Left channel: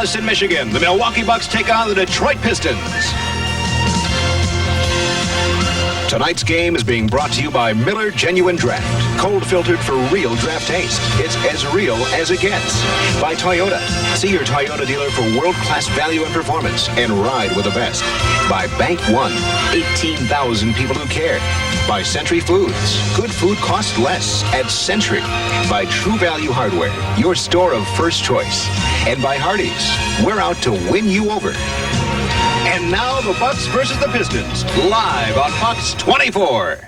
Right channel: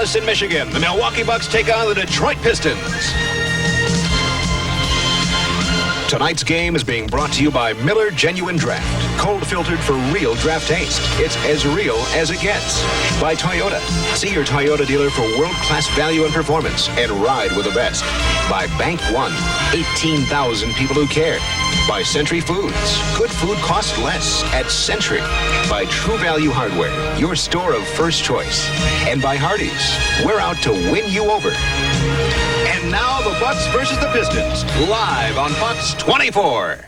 Palace in Michigan, the Milwaukee Bucks take on the Detroit Pistons. Tonight's game is being brought to you by Miller Genuine Draft. Cold filtered for real draft taste. It's as real as it gets. By Toyota. See your Toyota dealer for world-class value and performance and ride with the best. By Bank One. 18,000 people who care. By Century Foods. Good food costs less at Century. By True Value Hardware. Your store of first choice. And by Hardee's. We're out to win you over. And now the Bucks versus the Pistons, live on Fox 24.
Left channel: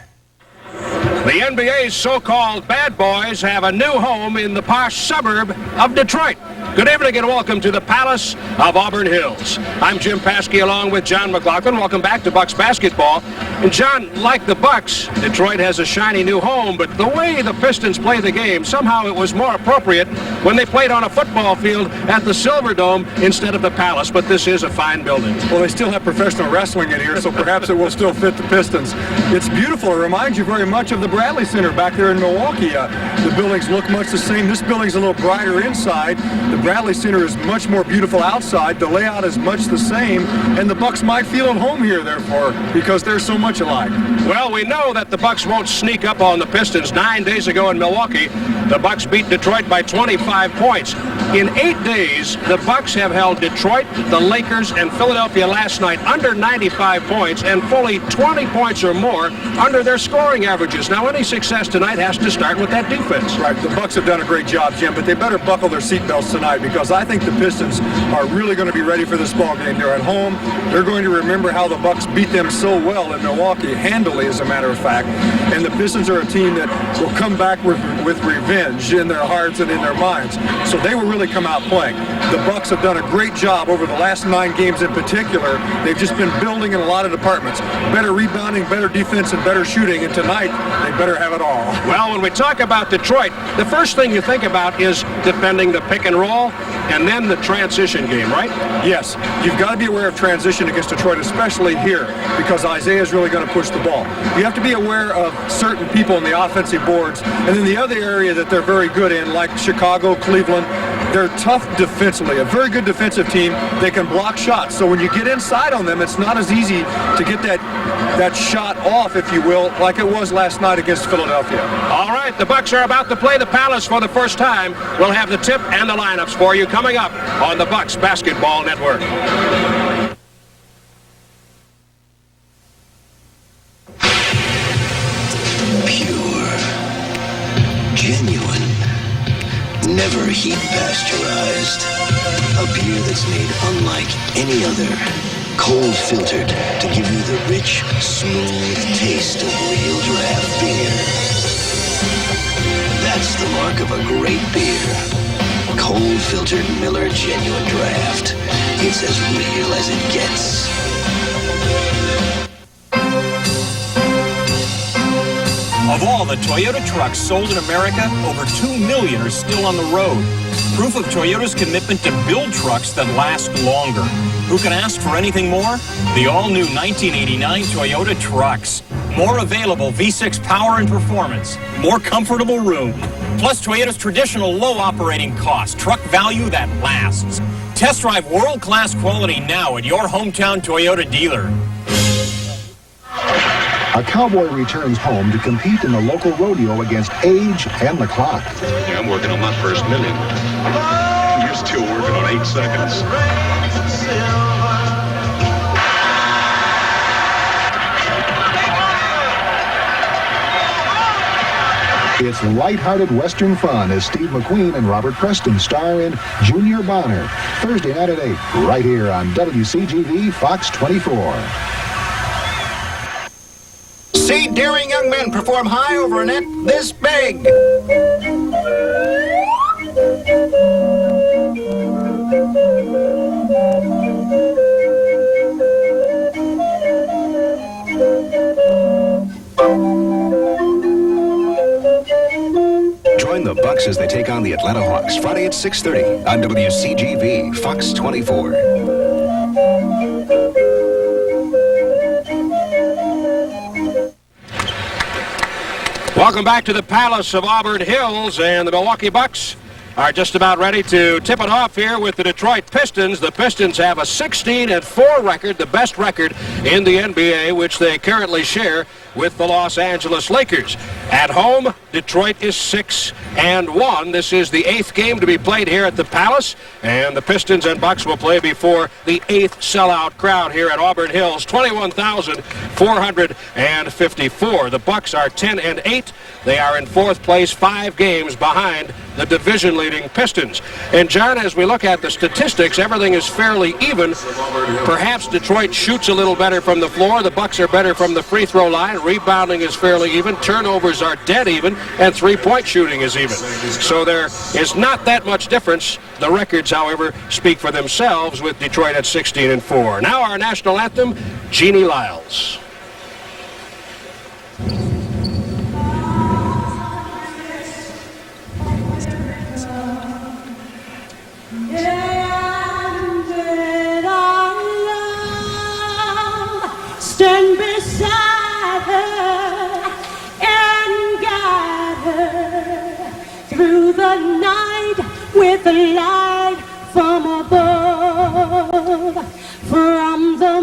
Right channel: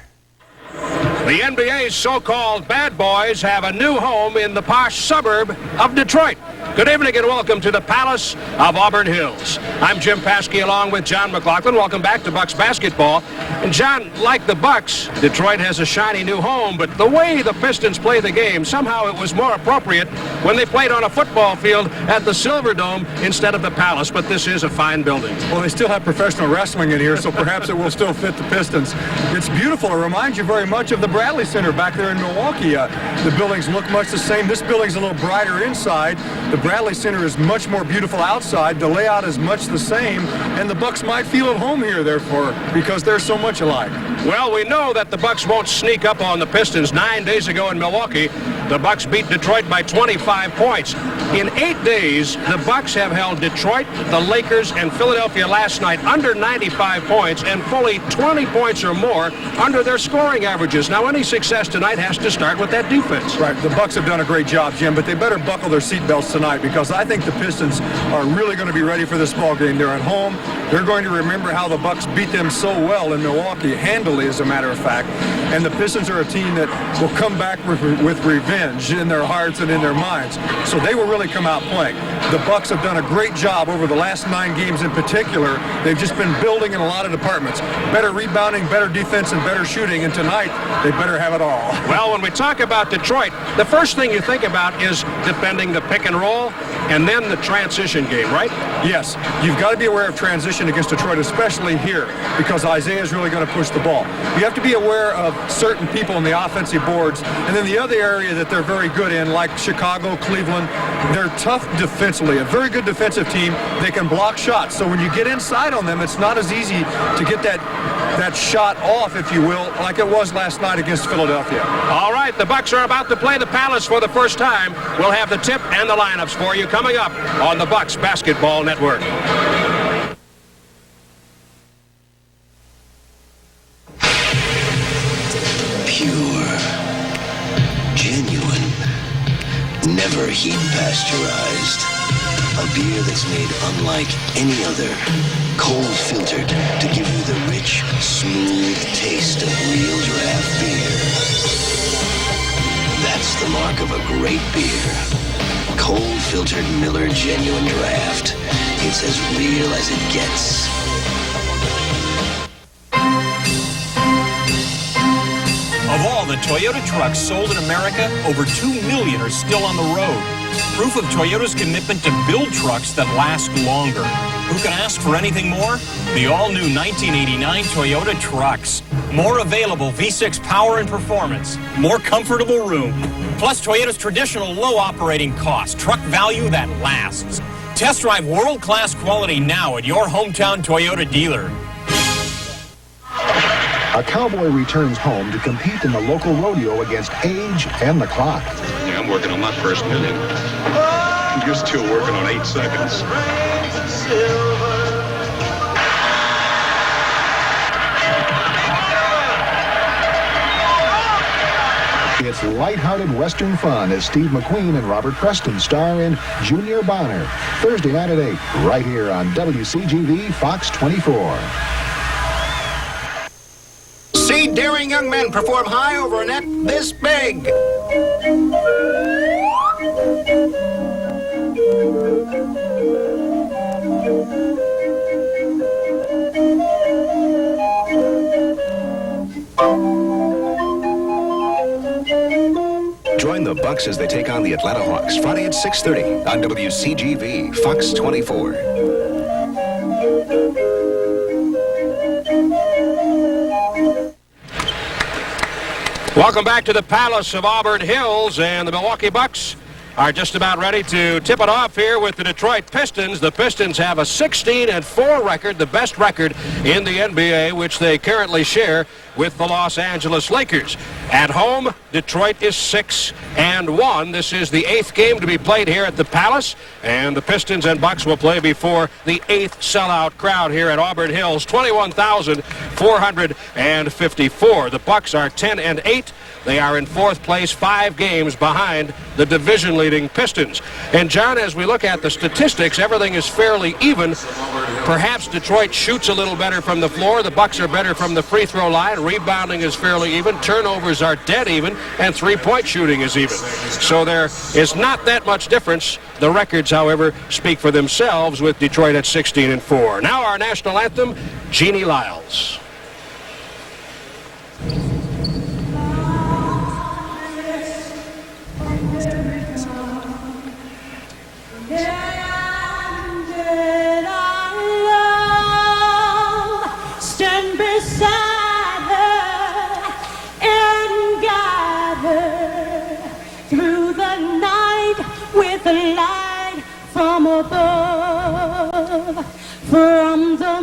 The NBA's so-called bad boys have a new home in the posh suburb of Detroit. Good evening and welcome to the Palace of Auburn Hills. I'm Jim Paskey along with John McLaughlin. Welcome back to Bucks basketball. And John, like the Bucks, Detroit has a shiny new home, but the way the Pistons play the game, somehow it was more appropriate when they played on a football field at the Silverdome instead of the Palace, but this is a fine building. Well, they still have professional wrestling in here, so perhaps it will still fit the Pistons. It's beautiful. It reminds you very much of the Bradley Center back there in Milwaukee. The buildings look much the same. This building's a little brighter inside. The Bradley Center is much more beautiful outside. The layout is much the same, and the Bucks might feel at home here, therefore, because they're so much alike. Well, we know that the Bucks won't sneak up on the Pistons. 9 days ago in Milwaukee, the Bucks beat Detroit by 25 points. In 8 days, the Bucks have held Detroit, the Lakers, and Philadelphia last night under 95 points and fully 20 points or more under their scoring averages. Now, any success tonight has to start with that defense. Right. The Bucks have done a great job, Jim, but they better buckle their seatbelts tonight because I think the Pistons are really going to be ready for this ball game. They're at home. They're going to remember how the Bucks beat them so well in Milwaukee, handily, as a matter of fact. And the Pistons are a team that will come back with revenge in their hearts and in their minds. So they will really come out playing. The Bucks have done a great job over the last 9 games in particular. They've just been building in a lot of departments. Better rebounding, better defense, and better shooting. And tonight, they better have it all. Well, when we talk about Detroit, the first thing you think about is defending the pick and roll and then the transition game, right? Yes. You've got to be aware of transition against Detroit, especially here, because Isaiah is really going to push the ball. You have to be aware of certain people in the offensive boards. And then the other area that they're very good in, like Chicago, Cleveland, they're tough defensively. A very good defensive team. They can block shots. So when you get inside on them, it's not as easy to get that shot off, if you will, like it was last night against Philadelphia. All right, the Bucks are about to play the Palace for the first time. We'll have the tip and the lineups for you coming up on the Bucks Basketball Network. Pure, genuine, never heat pasteurized. A beer that's made unlike any other. Cold filtered to give you the rich, smooth taste of real draft beer. That's the mark of a great beer. Cold filtered Miller Genuine Draft. It's as real as it gets. Of all the Toyota trucks sold in America, over 2 million are still on the road. Proof of Toyota's commitment to build trucks that last longer. Who can ask for anything more? The all-new 1989 Toyota trucks. More available V6 power and performance. More comfortable room. Plus Toyota's traditional low operating cost. Truck value that lasts. Test drive world-class quality now at your hometown Toyota dealer. A cowboy returns home to compete in the local rodeo against age and the clock. Yeah, I'm working on my first million. You're still working on 8 seconds. It's lighthearted Western fun as Steve McQueen and Robert Preston star in Junior Bonner. Thursday night at 8, right here on WCGV Fox 24. See daring young men perform high over a net this big. Join the Bucks as they take on the Atlanta Hawks Friday at 6:30 on WCGV Fox 24. Welcome back to the Palace of Auburn Hills, and the Milwaukee Bucks are just about ready to tip it off here with the Detroit Pistons. The Pistons have a 16-4 record, the best record in the NBA, which they currently share with the Los Angeles Lakers. At home, Detroit is 6-1. This is the 8th game to be played here at the Palace, and the Pistons and Bucks will play before the 8th sellout crowd here at Auburn Hills, 21,454. The Bucks are 10-8. They are in 4th place, 5 games behind the division-leading Pistons. And, John, as we look at the statistics, everything is fairly even. Perhaps Detroit shoots a little better from the floor. The Bucks are better from the free throw line. Rebounding is fairly even. Turnovers are dead even. And three-point shooting is even. So there is not that much difference. The records, however, speak for themselves with Detroit at 16-4. Now our national anthem, Jeannie Lyles. Stand beside her and guide her through the night with a light from above, from the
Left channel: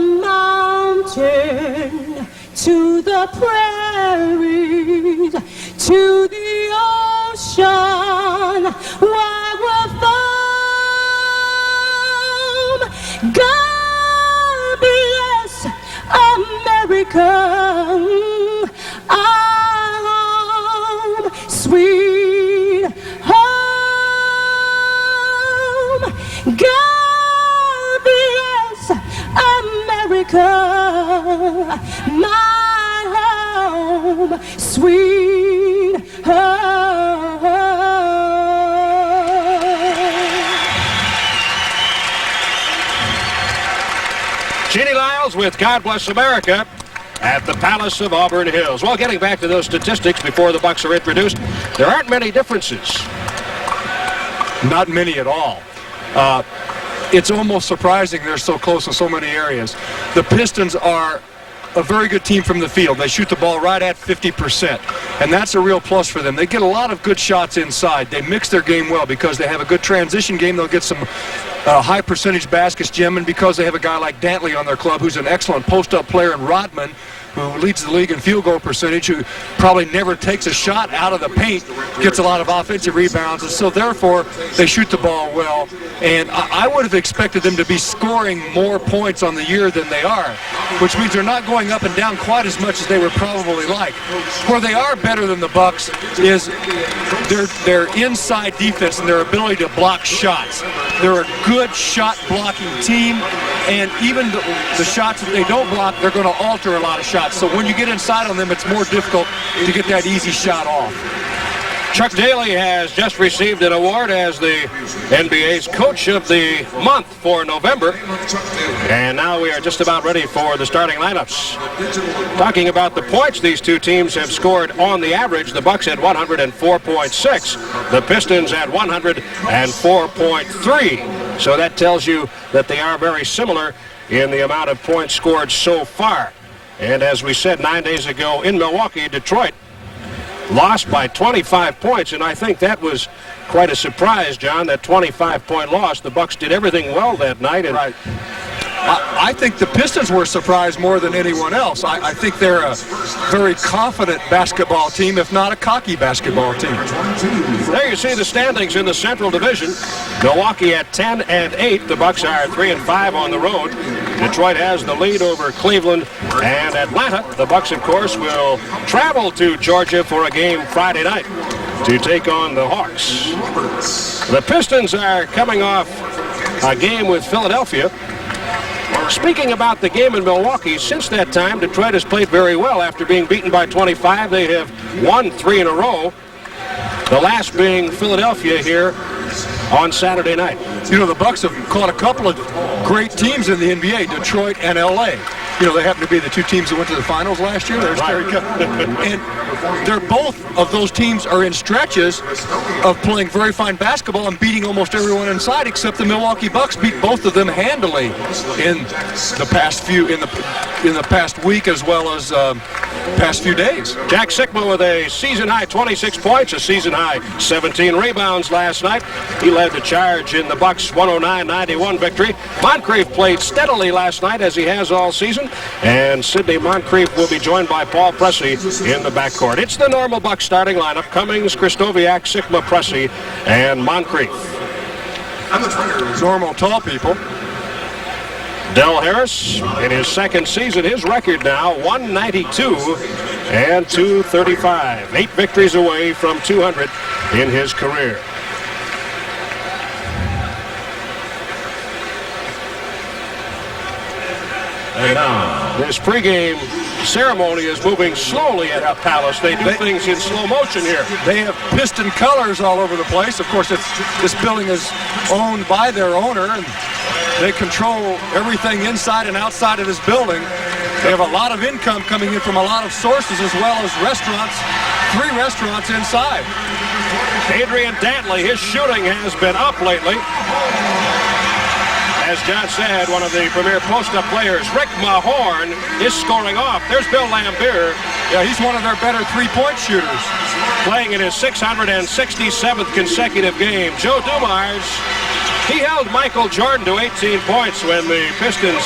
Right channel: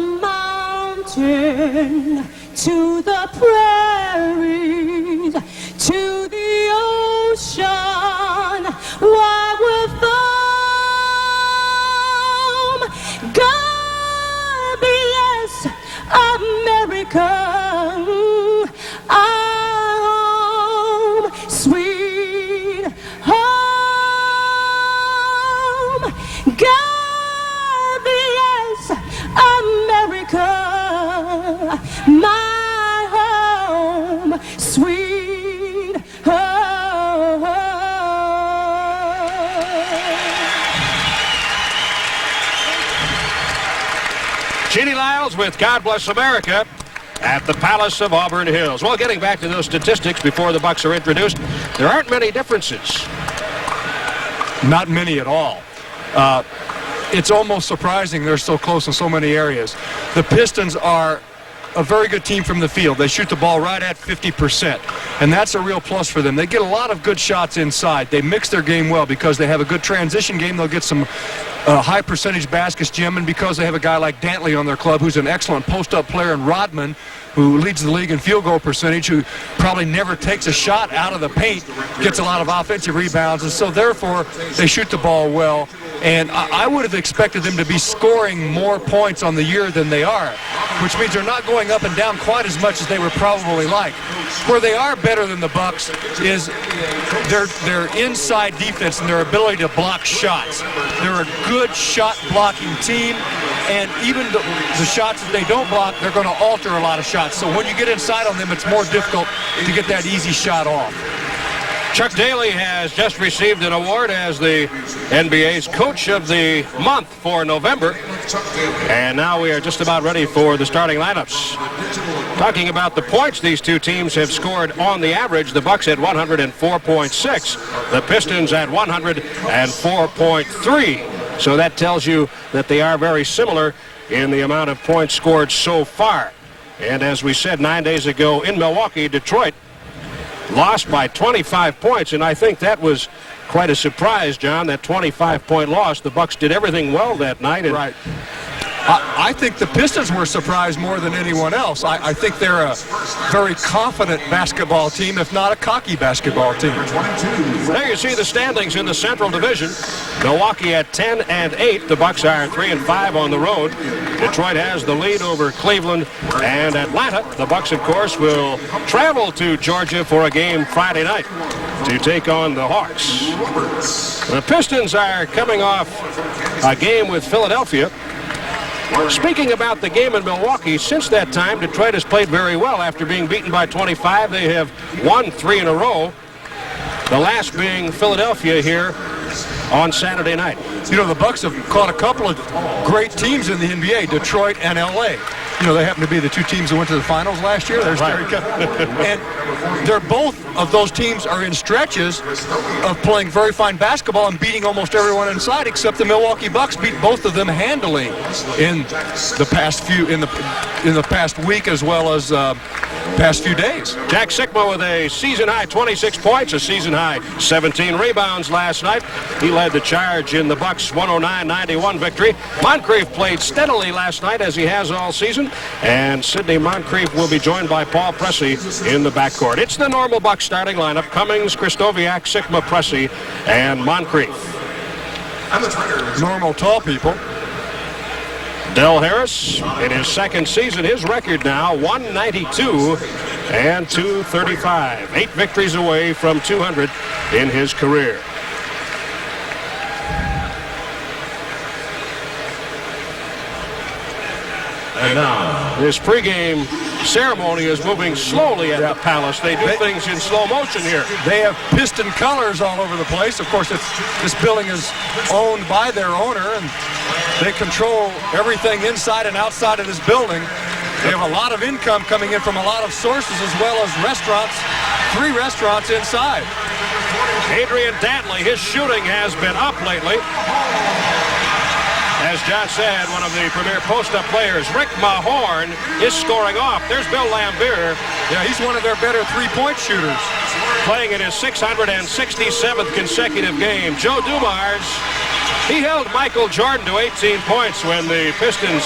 mountain to the prairies to the ocean. Why we're from God bless America, our home, sweet home. God bless America, my home, sweet home. Jeannie Lyles with God Bless America at the Palace of Auburn Hills. Well, getting back to those statistics before the Bucks are introduced, there aren't many differences. Not many at all. It's almost surprising they're so close in so many areas. The Pistons are a very good team from the field. They shoot the ball right at 50%, and that's a real plus for them. They get a lot of good shots inside. They mix their game well because they have a good transition game. They'll get some high percentage baskets, Jim, and because they have a guy like Dantley on their club who's an excellent post-up player, and Rodman, who leads the league in field goal percentage, who probably never takes a shot out of the paint, gets a lot of offensive rebounds, and so therefore they shoot the ball well. And I would have expected them to be scoring more points on the year than they are, which means they're not going up and down quite as much as they would probably like. Where they are better than the Bucks is their inside defense and their ability to block shots. They're a good shot blocking team, and even the shots that they don't block, they're going to alter a lot of shots. So when you get inside on them, it's more difficult to get that easy shot off. Chuck Daly has just received an award as the NBA's Coach of the Month for November. And now we are just about ready for the starting lineups. Talking about the points these two teams have scored on the average, the Bucks at 104.6, the Pistons at 104.3. So that tells you that they are very similar in the amount of points scored so far. And as we said 9 days ago in Milwaukee, Detroit lost by 25 points, and I think that was quite a surprise, John, that 25-point loss. The Bucks did everything well that night. And right. I think the Pistons were surprised more than anyone else. I think they're a very confident basketball team, if not a cocky basketball team. There you see the standings in the Central Division. Milwaukee at 10-8. The Bucks are 3-5 on the road. Detroit has the lead over Cleveland and Atlanta. The Bucks, of course, will travel to Georgia for a game Friday night to take on the Hawks. The Pistons are coming off a game with Philadelphia. Speaking about the game in Milwaukee, since that time, Detroit has played very well. After being beaten by 25, they have won 3 in a row, the last being Philadelphia here on Saturday night. You know, the Bucks have caught a couple of great teams in the NBA, Detroit and L.A. You know, they happen to be the two teams that went to the finals last year. There's right. And they're both of those teams are in stretches of playing very fine basketball and beating almost everyone inside, except the Milwaukee Bucks beat both of them handily in the past in the past week, as well as past few days. Jack Sikma with a season-high 26 points, a season-high 17 rebounds last night. He led the charge in the Bucks' 109-91 victory. Moncrief played steadily last night, as he has all season, and Sidney Moncrief will be joined by Paul Pressey in the backcourt. It's the normal Bucks starting lineup: Cummings, Krystkowiak, Sikma, Pressey, and Moncrief. Normal tall people. Del Harris, in his second season, his record now 192 and 235. 8 victories away from 200 in his career. And now, this pregame ceremony is moving slowly at the Palace. They do things in slow motion here. They have Piston colors all over the place. Of course, this building is owned by their owner, and they control everything inside and outside of this building. They have a lot of income coming in from a lot of sources, as well as restaurants, 3 restaurants inside. Adrian Dantley, his shooting has been up lately. As John said, one of the premier post-up players. Rick Mahorn is scoring off. There's Bill Lambier. Yeah, he's one of their better three-point shooters. Playing in his 667th consecutive game. Joe Dumars, he held Michael Jordan to 18 points when the Pistons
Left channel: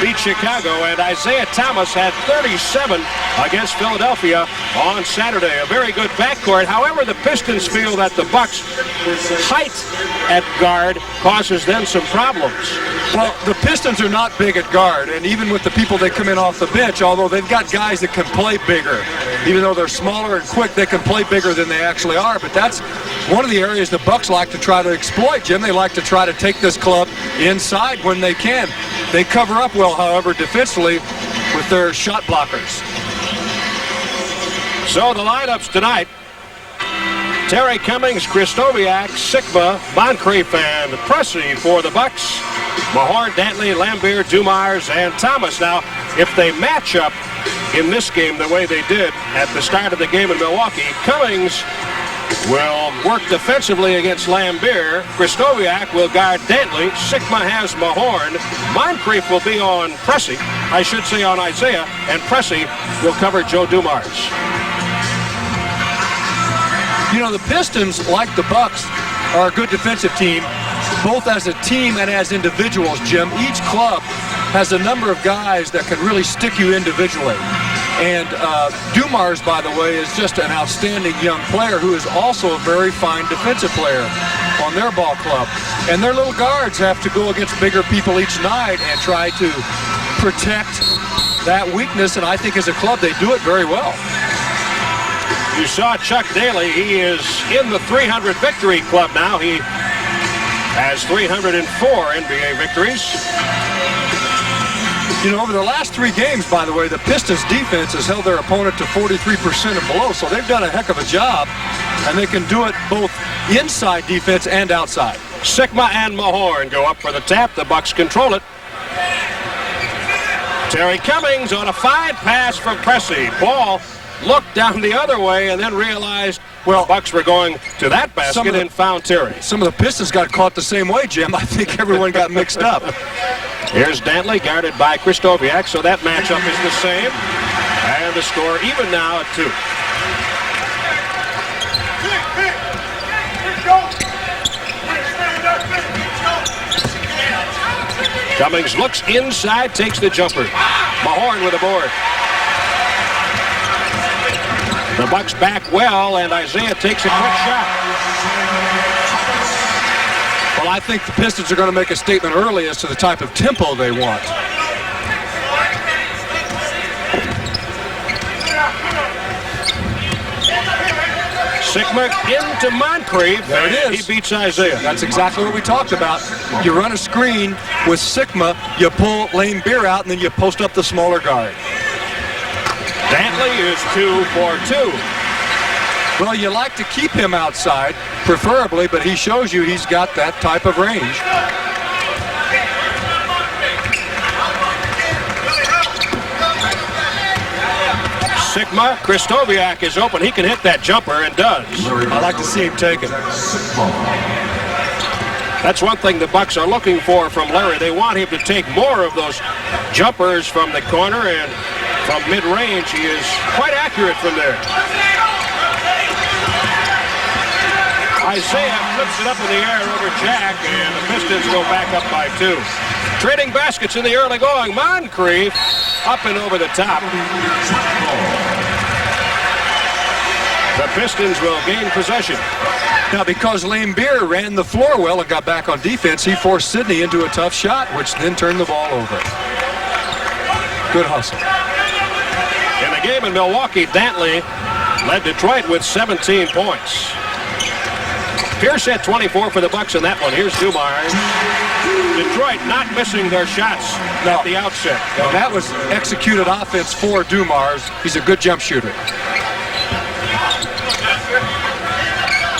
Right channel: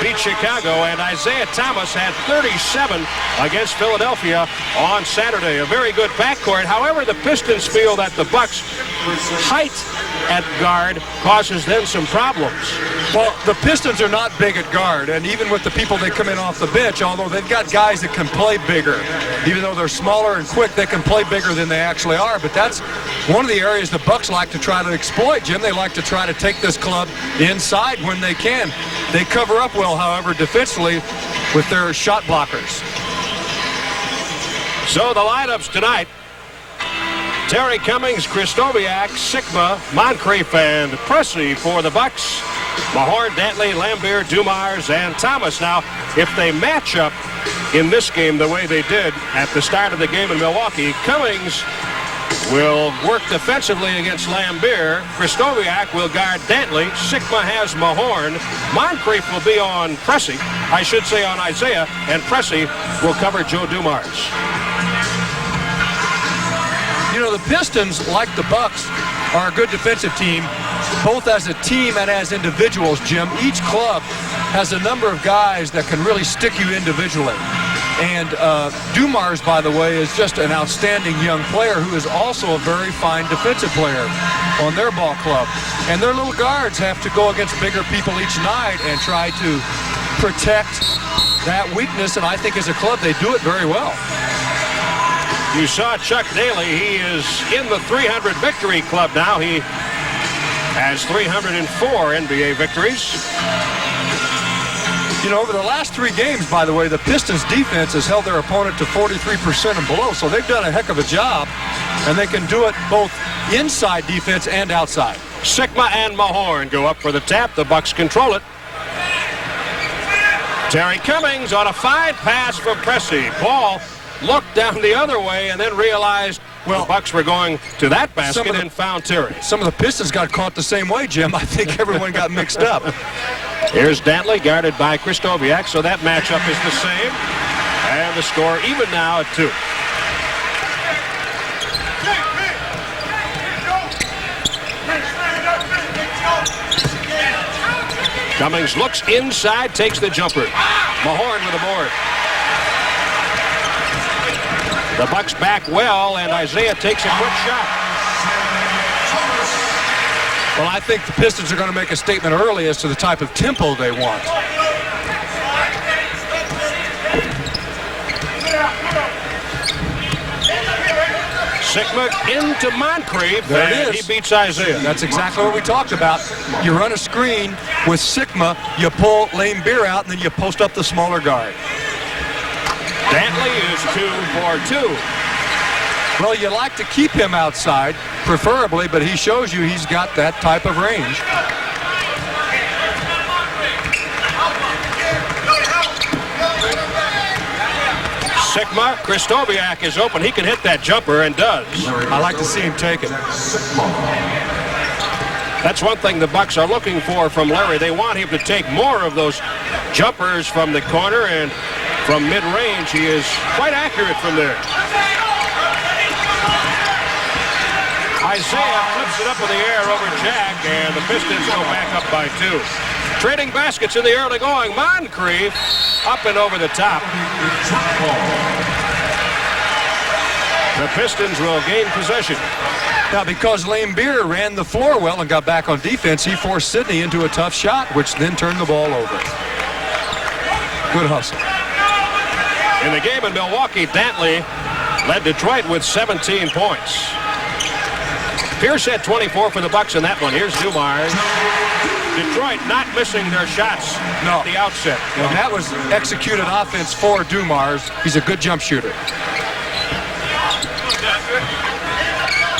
beat Chicago, and Isaiah Thomas had 37 against Philadelphia on Saturday. A very good backcourt. However, the Pistons feel that the Bucks' height at guard causes them some problems. Well, the Pistons are not big at guard, and even with the people they come in off the bench, although they've got guys that can play bigger. Even though they're smaller and quick, they can play bigger than they actually are. But that's one of the areas the Bucks like to try to exploit, Jim. They like to try to take this club inside when they can. They cover up well, however, defensively with their shot blockers. So the lineups tonight: Terry Cummings, Krystkowiak, Sikma, Moncrief, and Pressey for the Bucks. Mahorn, Dantley, Lambier, Dumars, and Thomas. Now, if they match up in this game the way they did at the start of the game in Milwaukee, Cummings will work defensively against Lambier. Krystkowiak will guard Dantley. Sikma has Mahorn. Moncrief will be on Pressey. I should say on Isaiah. And Pressey will cover Joe Dumars. You know, the Pistons, like the Bucks, are a good defensive team, both as a team and as individuals, Jim. Each club has a number of guys that can really stick you individually. And Dumars, by the way, is just an outstanding young player who is also a very fine defensive player on their ball club. And their little guards have to go against bigger people each night and try to protect that weakness. And I think as a club, they do it very well. You saw Chuck Daly. He is in the 300 victory club now. He has 304 NBA victories. You know, over the last 3 games, by the way, the Pistons defense has held their opponent to 43% and below, so they've done a heck of a job, and they can do it both inside defense and outside. Sikma and Mahorn go up for the tap. The Bucks control it. Terry Cummings on a fine pass from Pressey. Paul looked down the other way and then realized the Bucks were going to that basket and found Terry. Some of the Pistons got caught the same way, Jim. I think everyone got mixed up. Here's Dantley guarded by Krystkowiak, so that matchup is the same. And the score even now at 2. Cummings looks inside, takes the jumper. Mahorn with a board. The Bucks back well, and Isaiah takes a quick shot. Well, I think the Pistons are going to make a statement early as to the type of tempo they want. Sikma into Moncrief. There it is. He beats Isaiah. That's exactly what we talked about. You run a screen with Sikma, you pull Lambier out, and then you post up the smaller guard. Dantley is 2 for 2. Well, you like to keep him outside, preferably, but he shows you he's got that type of range. Sikma, Krystkowiak is open. He can hit that jumper and does. I like to see him take it. That's one thing the Bucks are looking for from Larry. They want him to take more of those jumpers from the corner, and from mid-range. He is quite accurate from there. Isaiah flips it up in the air over Jack, and the Pistons go back up by 2. Trading baskets in the early going. Moncrief up and over the top. The Pistons will gain possession. Now, because Lane Beer ran the floor well and got back on defense, he forced Sidney into a tough shot, which then turned the ball over. Good hustle. In the game in Milwaukee, Dantley led Detroit with 17 points. Pierce had 24 for the Bucks in that one. Here's Dumars. Detroit not missing their shots at the outset. And that was executed offense for Dumars. He's a good jump shooter.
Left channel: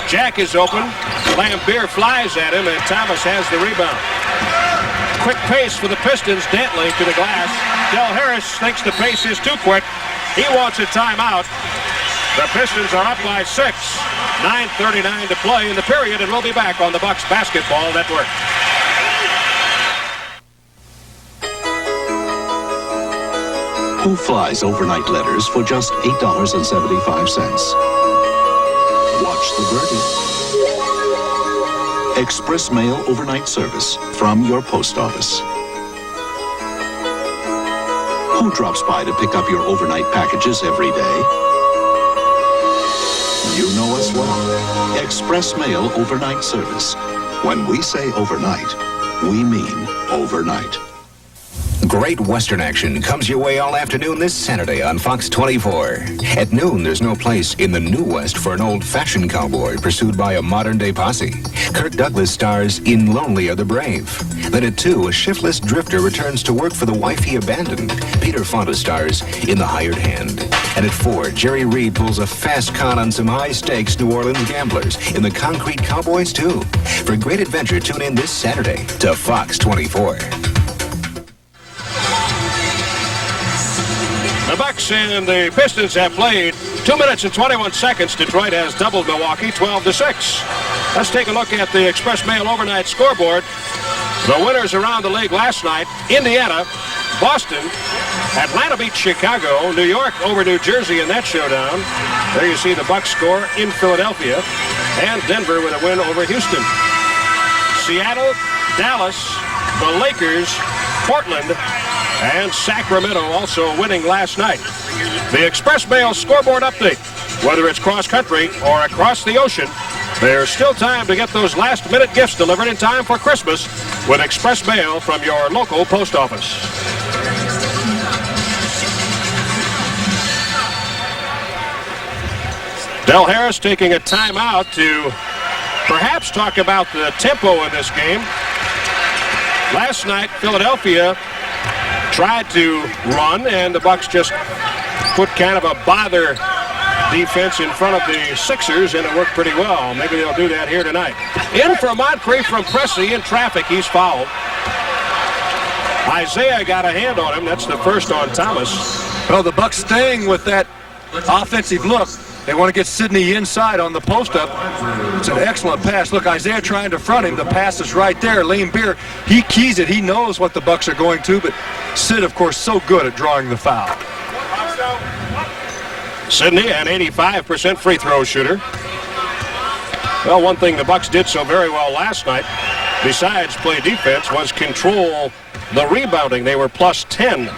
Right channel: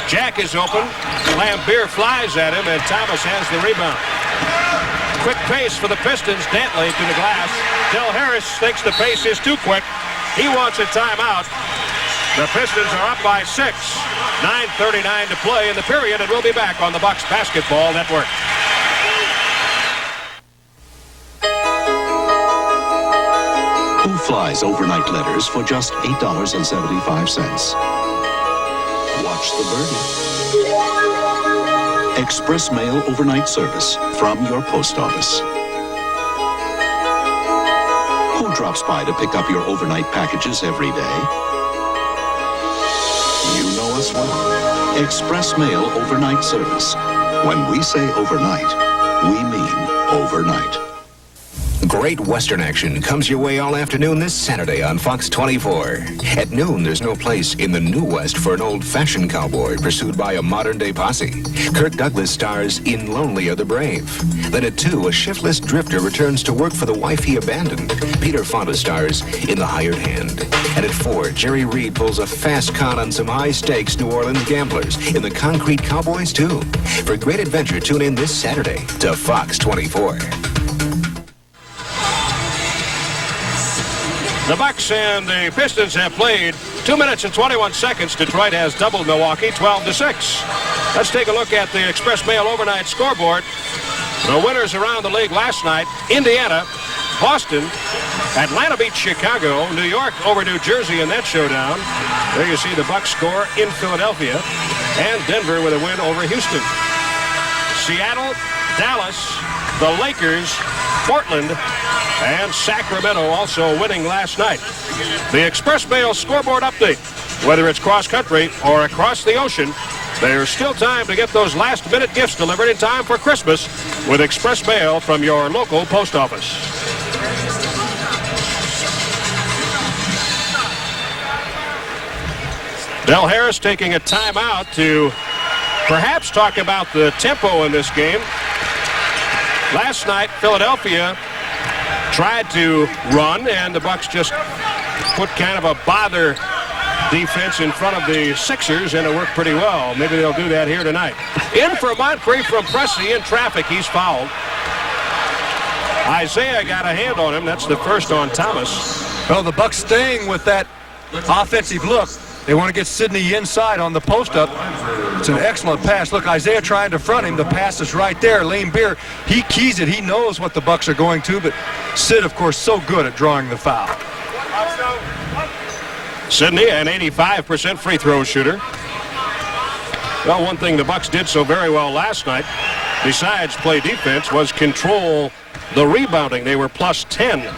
Jack is open. Lambeer flies at him, and Thomas has the rebound. Quick pace for the Pistons. Dantley to the glass. Del Harris thinks the pace is too quick. He wants a timeout. The Pistons are up by 6. 9:39 to play in the period, and we'll be back on the Bucks Basketball Network. Who flies overnight letters for just $8.75? Watch the birdie. Express Mail overnight service from your post office. Who drops by to pick up your overnight packages every day? You know us well. Express Mail overnight service. When we say overnight, we mean overnight. Great Western action comes your way all afternoon this Saturday on Fox 24. At noon, there's no place in the New West for an old-fashioned cowboy pursued by a modern-day posse. Kirk Douglas stars in Lonely Are the Brave. Then at 2, a shiftless drifter returns to work for the wife he abandoned. Peter Fonda stars in The Hired Hand. And at 4, Jerry Reed pulls a fast con on some high-stakes New Orleans gamblers in The Concrete Cowboys 2. For great adventure, tune in this Saturday to Fox 24. The Bucks and the Pistons have played 2 minutes and 21 seconds. Detroit has doubled Milwaukee 12-6. Let's take a look at the Express Mail overnight scoreboard. The winners around the league last night: Indiana, Boston, Atlanta beat Chicago, New York over New Jersey in that showdown. There you see the Bucks score in Philadelphia, and Denver with a win over Houston. Seattle, Dallas, the Lakers, Portland, and Sacramento also winning last night. The Express Mail scoreboard update. Whether it's cross-country or across the ocean, there's still time to get those last-minute gifts delivered in time for Christmas with Express Mail from your local post office. Del Harris taking a timeout to perhaps talk about the tempo in this game. Last night, Philadelphia tried to run, and the Bucks just put kind of a bother defense in front of the Sixers, and it worked pretty well. Maybe they'll do that here tonight. In for Moncrief from Pressey. In traffic, he's fouled. Isaiah got a hand on him. That's the first on Thomas. Well, the Bucks staying with that offensive look. They want to get Sidney inside on the post-up. It's an excellent pass. Look, Isaiah trying to front him. The pass is right there. Lane Beer, he keys it. He knows what the Bucks are going to, but Sid, of course, so good at drawing the foul. Sidney, an 85% free throw shooter. Well, one thing the Bucks did so very well last night, besides play defense, was control the rebounding. They were plus 10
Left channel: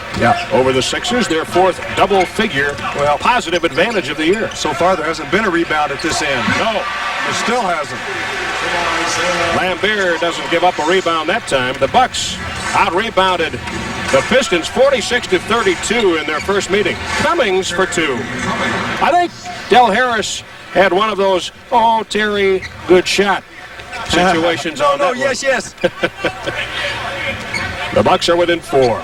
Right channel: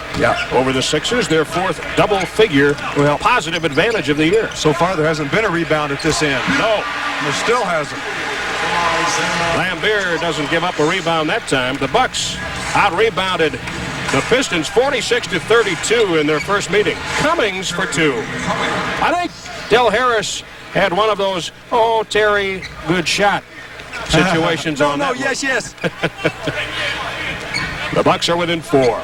over the Sixers, their fourth double-figure positive advantage of the year. So far, there hasn't been a rebound at this end. No. There still hasn't. Lambeer doesn't give up a rebound that time. The Bucks out-rebounded the Pistons 46-32 in their first meeting. Cummings for 2. I think Del Harris had one of those, oh, Terry, good shot situations on that one. Yes. The Bucks are within 4.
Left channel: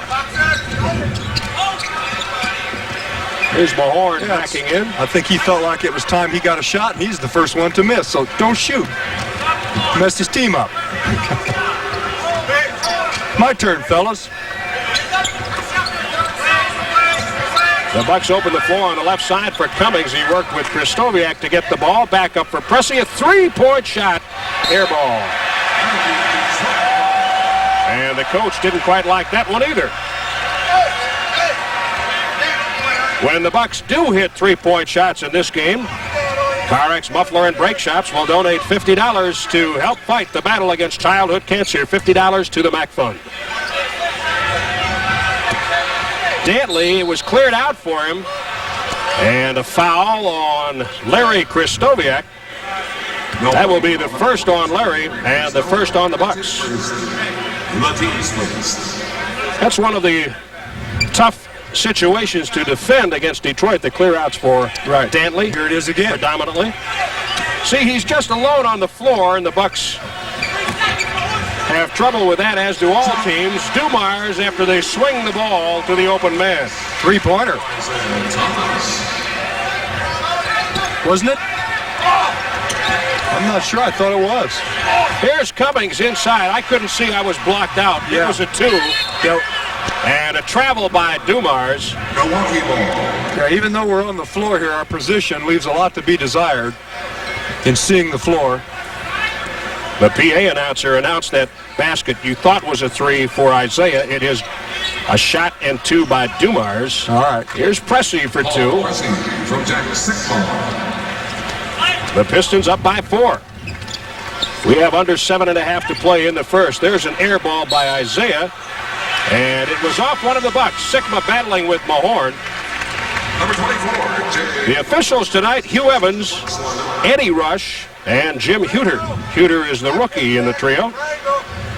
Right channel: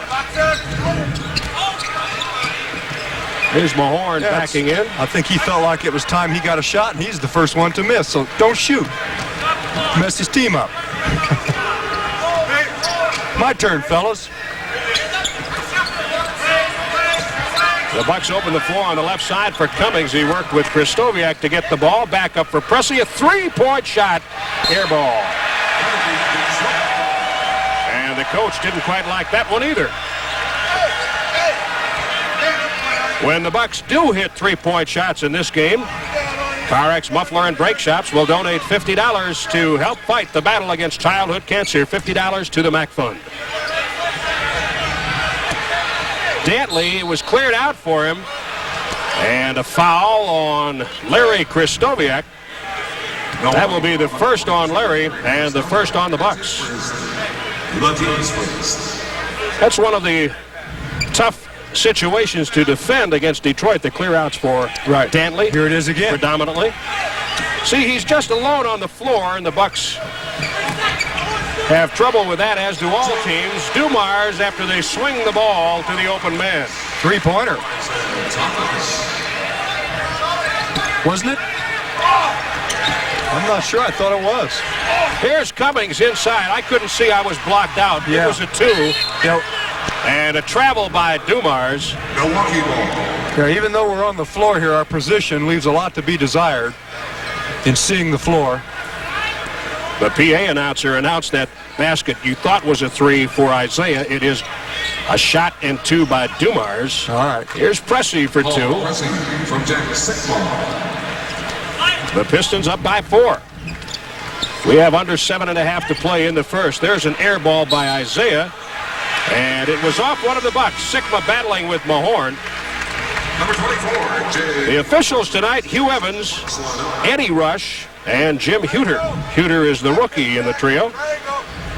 Here's Mahorn backing in. I think he felt like it was time he got a shot, and he's the first one to miss, so don't shoot. Mess his team up. My turn, fellas. The Bucks open the floor on the left side for Cummings. He worked with Kristoviak to get the ball. Back up for Pressey. A three-point shot. Air ball. And the coach didn't quite like that one either. When the Bucks do hit three-point shots in this game, CarX Muffler and Brake Shops will donate $50 to help fight the battle against childhood cancer. $50 to the MAC Fund. Dantley was cleared out for him. And a foul on Larry Kristoviak. That will be the first on Larry and the first on the Bucks. That's one of the tough situations to defend against Detroit, the clear outs for Dantley. Here it is again. Predominantly. See, he's just alone on the floor, and the Bucks have trouble with that, as do all teams. Dumars, after they swing the ball to the open man. Three-pointer. Wasn't it? I'm not sure. I thought it was. Here's Cummings inside. I couldn't see. I was blocked out. Yeah. It was a two. And a travel by Dumars. Milwaukee ball. Yeah, even though we're on the floor here, our position leaves a lot to be desired in seeing the floor. The PA announcer announced that basket you thought was a three for Isaiah. It is a shot and two by Dumars. All right. Here's Pressey for two. From Jack Sickball. The Pistons up by 4. We have under 7.5 to play in the first. There's an air ball by Isaiah. And it was off one of the Bucks. Sigma battling with Mahorn. Number 24, The officials tonight, Hugh Evans, Eddie Rush, and Jim Huter. Huter is the rookie in the trio.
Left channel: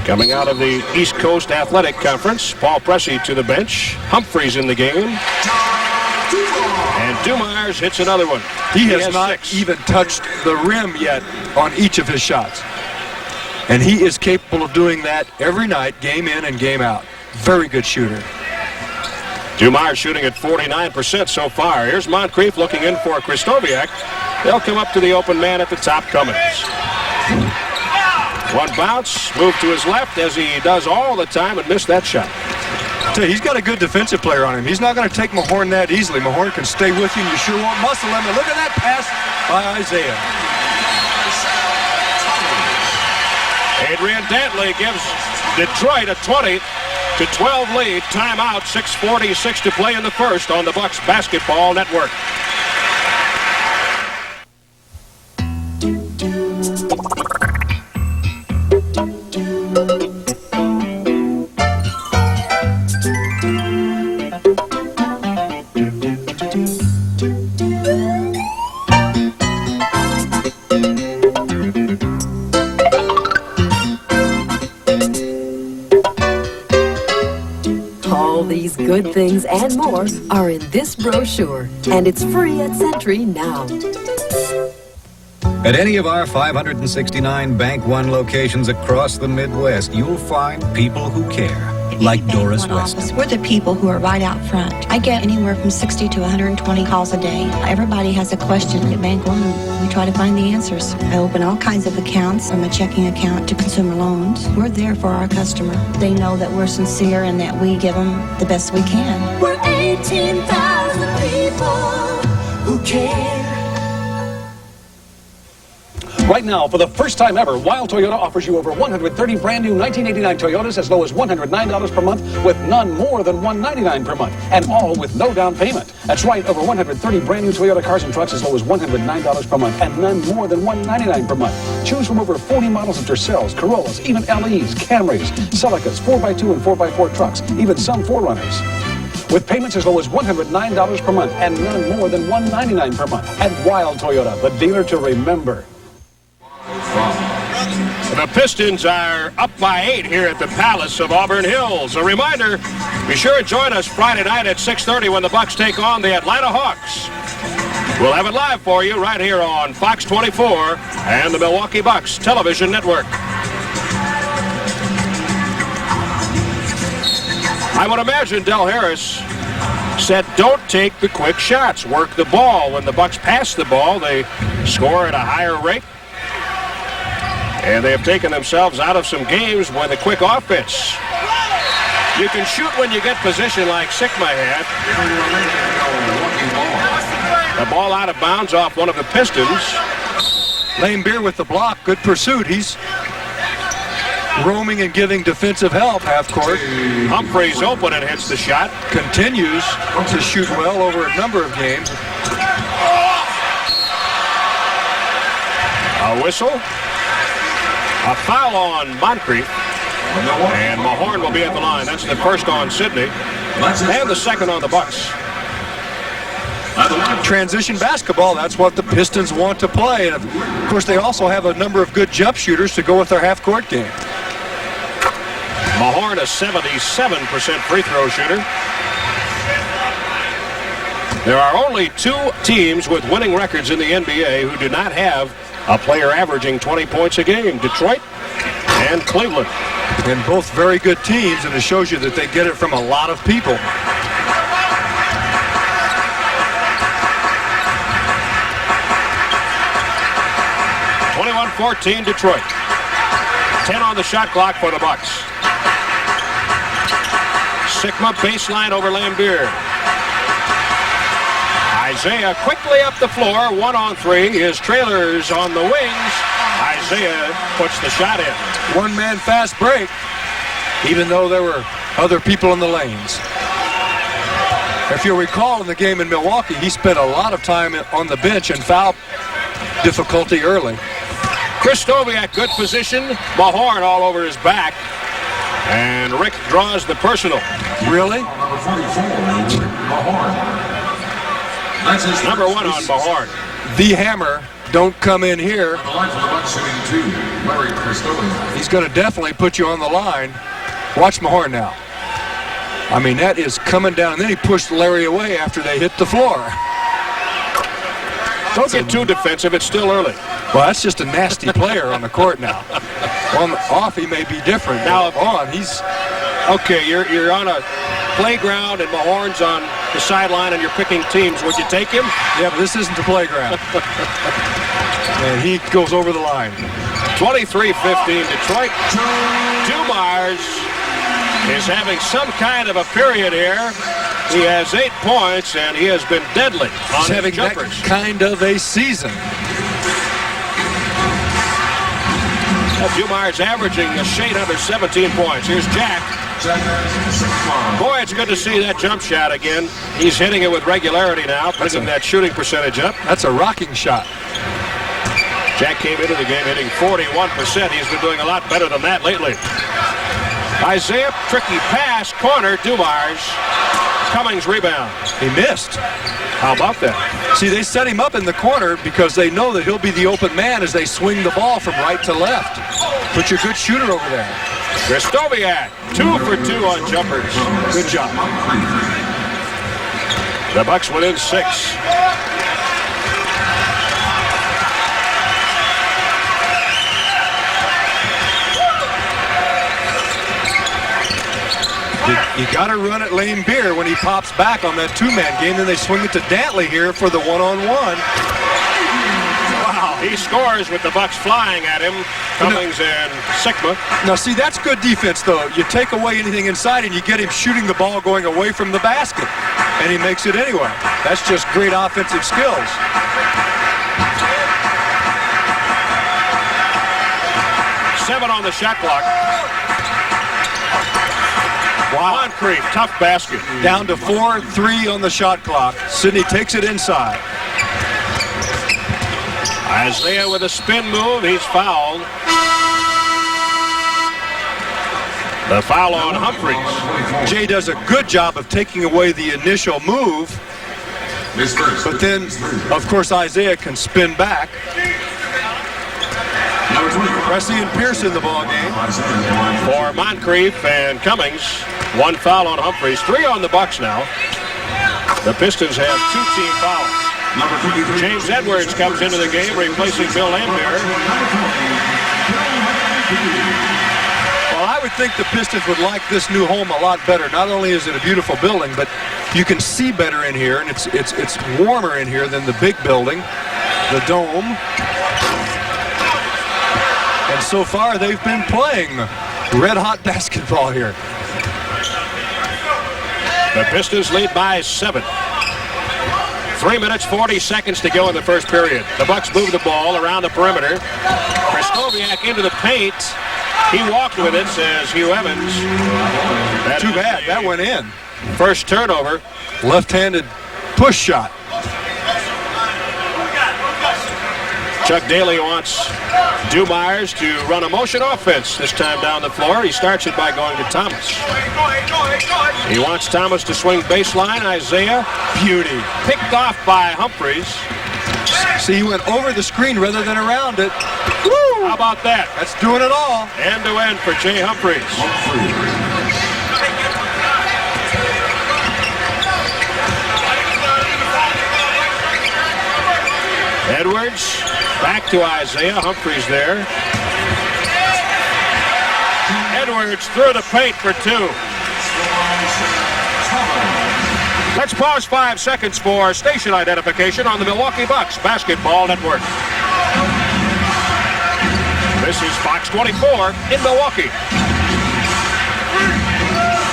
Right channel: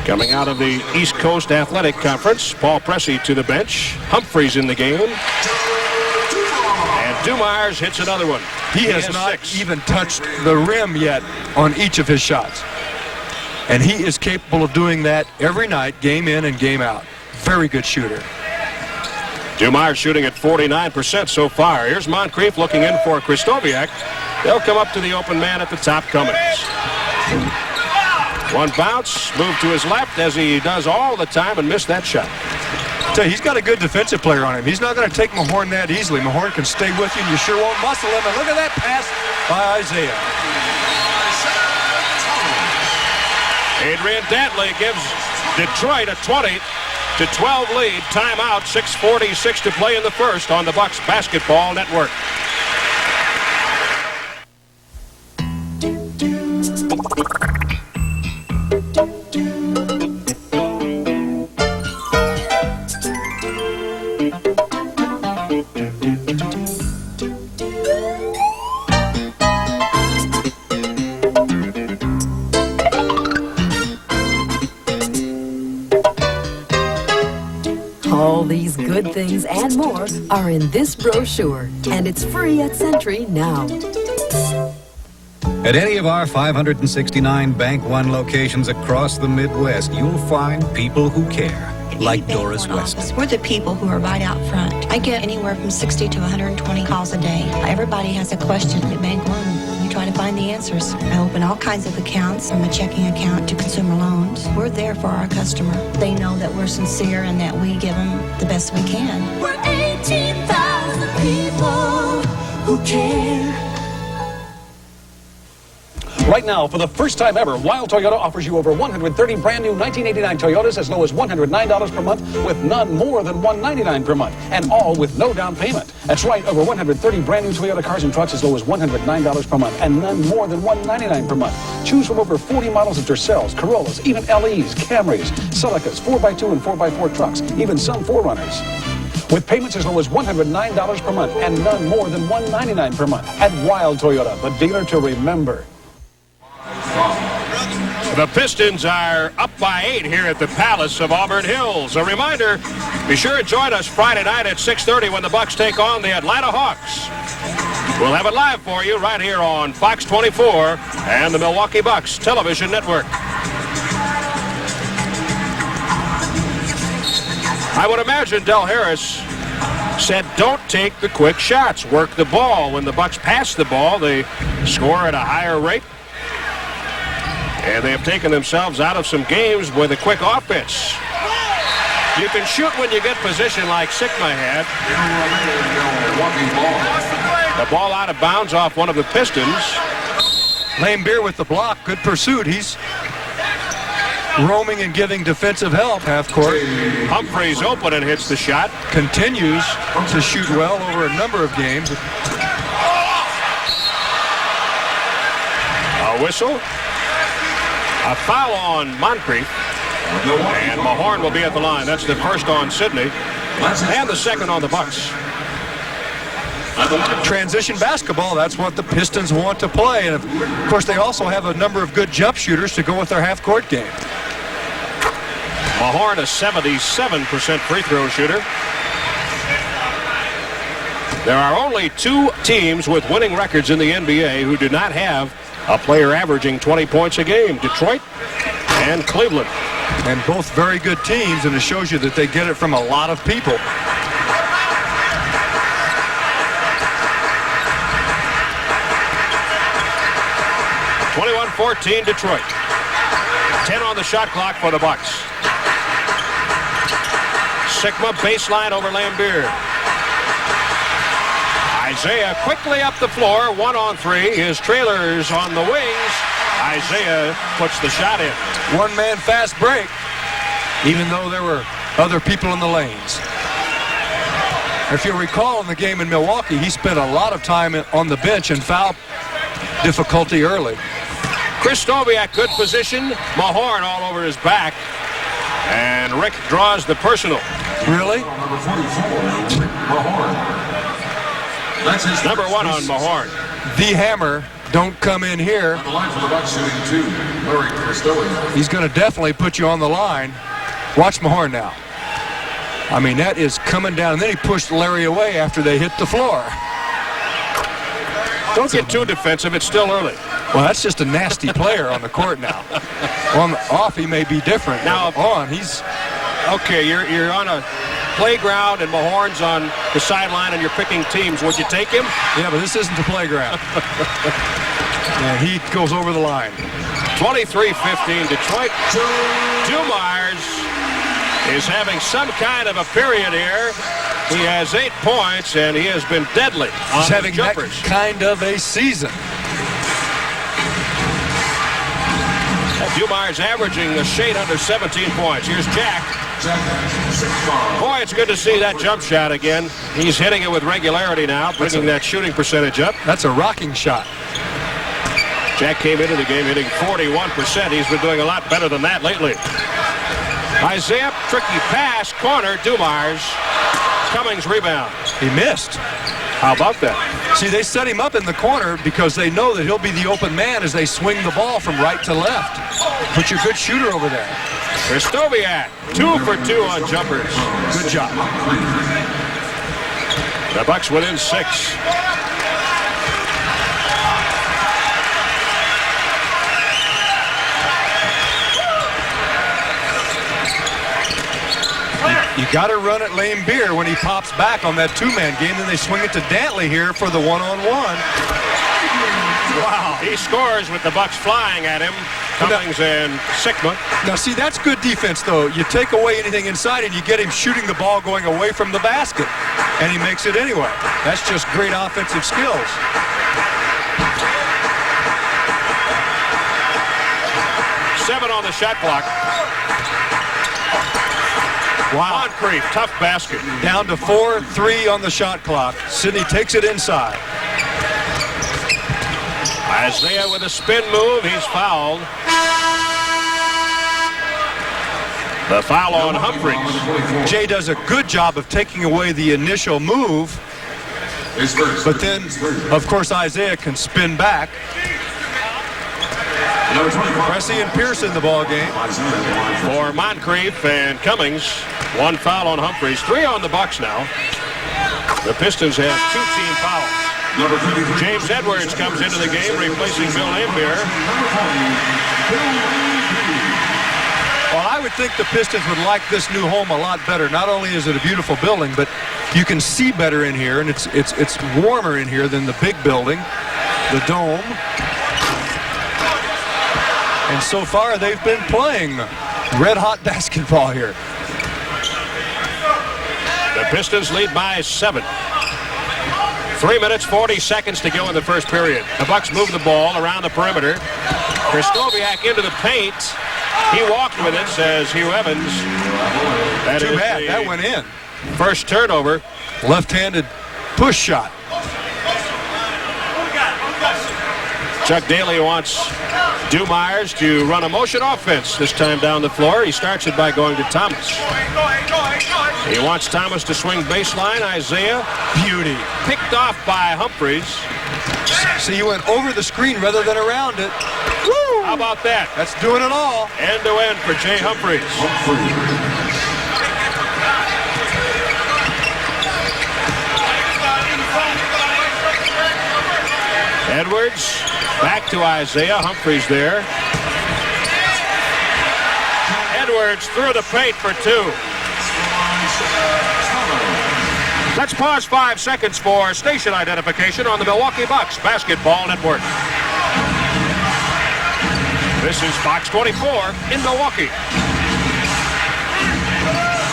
Coming out of the East Coast Athletic Conference, Paul Pressey to the bench. Humphreys in the game. And Dumars hits another one. He has not 6. even touched the rim yet on each of his shots. And he is capable of doing that every night, game in and game out. Very good shooter. Dumars shooting at 49% so far. Here's Moncrief looking in for Kristoviak. They'll come up to the open man at the top. Cummings. One bounce, move to his left as he does all the time and missed that shot. Tell you, he's got a good defensive player on him. He's not going to take Mahorn that easily. Mahorn can stay with you, and you sure won't muscle him. And look at that pass by Isaiah. Adrian Dantley gives Detroit a 20-12 lead. Timeout, 6:46 to play in the first on the Bucks Basketball Network. Good things and more are in this brochure, and it's free at Sentry now. At any of our 569 Bank One locations across the Midwest, you'll find people who care, like Doris Weston. We're the people who are right out front. I get anywhere from 60 to 120 calls a day. Everybody has a question at Bank One. We try to find the answers. I open all kinds of accounts, from a checking account to consumer loans. We're there for our customer. They know that we're sincere and that we give them the best we can. We're 18,000 people who care. Right now, for the first time ever, Wild Toyota offers you over 130 brand new 1989 Toyotas as low as $109 per month, with none more than $199 per month, and all with no down payment. That's right, over 130 brand new Toyota cars and trucks as low as $109 per month, and none more than $199 per month. Choose from over 40 models of Tercels, Corollas, even LEs, Camrys, Celicas, 4x2 and 4x4 trucks, even some 4Runners. With payments as low as $109 per month, and none more than $199 per month. At Wild Toyota, the dealer to remember. The Pistons are up by 8 here at the Palace of Auburn Hills. A reminder, be sure and join us Friday night at 6:30 when the Bucks take on the Atlanta Hawks. We'll have it live for you right here on Fox 24 and the Milwaukee Bucks Television Network. I would imagine Del Harris said don't take the quick shots, work the ball. When the Bucks pass the ball, they score at a higher rate. And they have taken themselves out of some games with a quick offense. You can shoot when you get position like Sigma had. The ball out of bounds off one of the Pistons. Lane Beer with the block. Good pursuit. He's roaming and giving defensive help half court. Humphreys open and hits the shot. Continues to shoot well over a number of games. A whistle. A foul on Moncrief. And Mahorn will be at the line. That's the first on Sydney. And the second on the Bucks. Transition basketball, that's what the Pistons want to play. And of course, they also have a number of good jump shooters to go with their half-court game. Mahorn, a 77% free throw shooter. There are only 2 teams with winning records in the NBA who do not have a player averaging 20 points a game. Detroit and Cleveland. And both very good teams, and it shows you that they get it from a lot of people. (21-14) Detroit. 10 on the shot clock for the Bucks. Sigma baseline over Lambeer. Isaiah quickly up the floor. 1-on-3. His trailers on the wings. Isaiah puts the shot in. One-man fast break, even though there were other people in the lanes. If you'll recall in the game in Milwaukee, he spent a lot of time on the bench in foul difficulty early. Kristoviak, good position. Mahorn all over his back. And Rick draws the personal. Really? Number 44, Mahorn. That's his number 1 on Mahorn. The hammer, don't come in here. On the line for the Bucks, shooting 2, Larry Kristoviak. He's going to definitely put you on the line. Watch Mahorn now. I mean, that is coming down. And then he pushed Larry away after they hit the floor. Don't get too defensive. It's still early. Well, that's just a nasty player on the court now. On off, he may be different. Now, on, he's okay. You're on a playground and Mahorn's on the sideline, and you're picking teams. Would you take him? Yeah, but this isn't the playground. And he goes over the line. 23-15 Detroit. Dumars is having some kind of a period here. He has 8 points, and he has been deadly on He's having jumpers. That kind of a season. Dumars averaging a shade under 17 points. Here's Jack. Boy, it's good to see that jump shot again. He's hitting it with regularity now, bringing that shooting percentage up. That's a rocking shot. Jack came into the game hitting 41%. He's been doing a lot better than that lately. Isaiah, tricky pass, corner, Dumars. Cummings rebound. He missed. How about that? See, they set him up in the corner because they know that he'll be the open man as they swing the ball from right to left. Put your good shooter over there. Kristoviak, 2 for 2 on jumpers. Good job. The Bucks within 6. You got to run at Lambeer when he pops back on that 2-man game. Then they swing it to Dantley here for the 1-on-1. Wow. He scores with the Bucks flying at him. Cummings and Sigma. Now, see, that's good defense, though. You take away anything inside and you get him shooting the ball going away from the basket. And he makes it anyway. That's just great offensive skills. Seven on the shot clock. Wow. Moncrief, tough basket. Down to 4-3 on the shot clock. Sidney takes it inside. Isaiah with a spin move. He's fouled. The foul on Humphreys. Jay does a good job of taking away the initial move. But then, of course, Isaiah can spin back. Pressey and Pierce in the ball game. For Moncrief and Cummings. One foul on Humphreys. 3 on the Bucks now. The Pistons have 2 team fouls. James Edwards comes into the game replacing Bill Lambier. Well, I would think the Pistons would like this new home a lot better. Not only is it a beautiful building, but you can see better in here, and it's warmer in here than the big building, the dome. And so far, they've been playing red-hot basketball here. The Pistons lead by 7. 3 minutes, 40 seconds to go in the first period. The Bucks move the ball around the perimeter. Kristoviak into the paint. He walked with it, says Hugh Evans. Too bad. That went in. First turnover. Left-handed push shot. Chuck Daly wants Dumars to run a motion offense this time down the floor. He starts it by going to Thomas. He wants Thomas to swing baseline. Isaiah. Beauty. Picked off by Humphries. See, he went over the screen rather than around it. Woo! How about that? That's doing it all. End to end for Jay Humphries. Edwards back to Isaiah. Humphries there. Edwards through the paint for 2. Let's pause 5 seconds for station identification on the Milwaukee Bucks Basketball Network. This is Fox 24 in Milwaukee.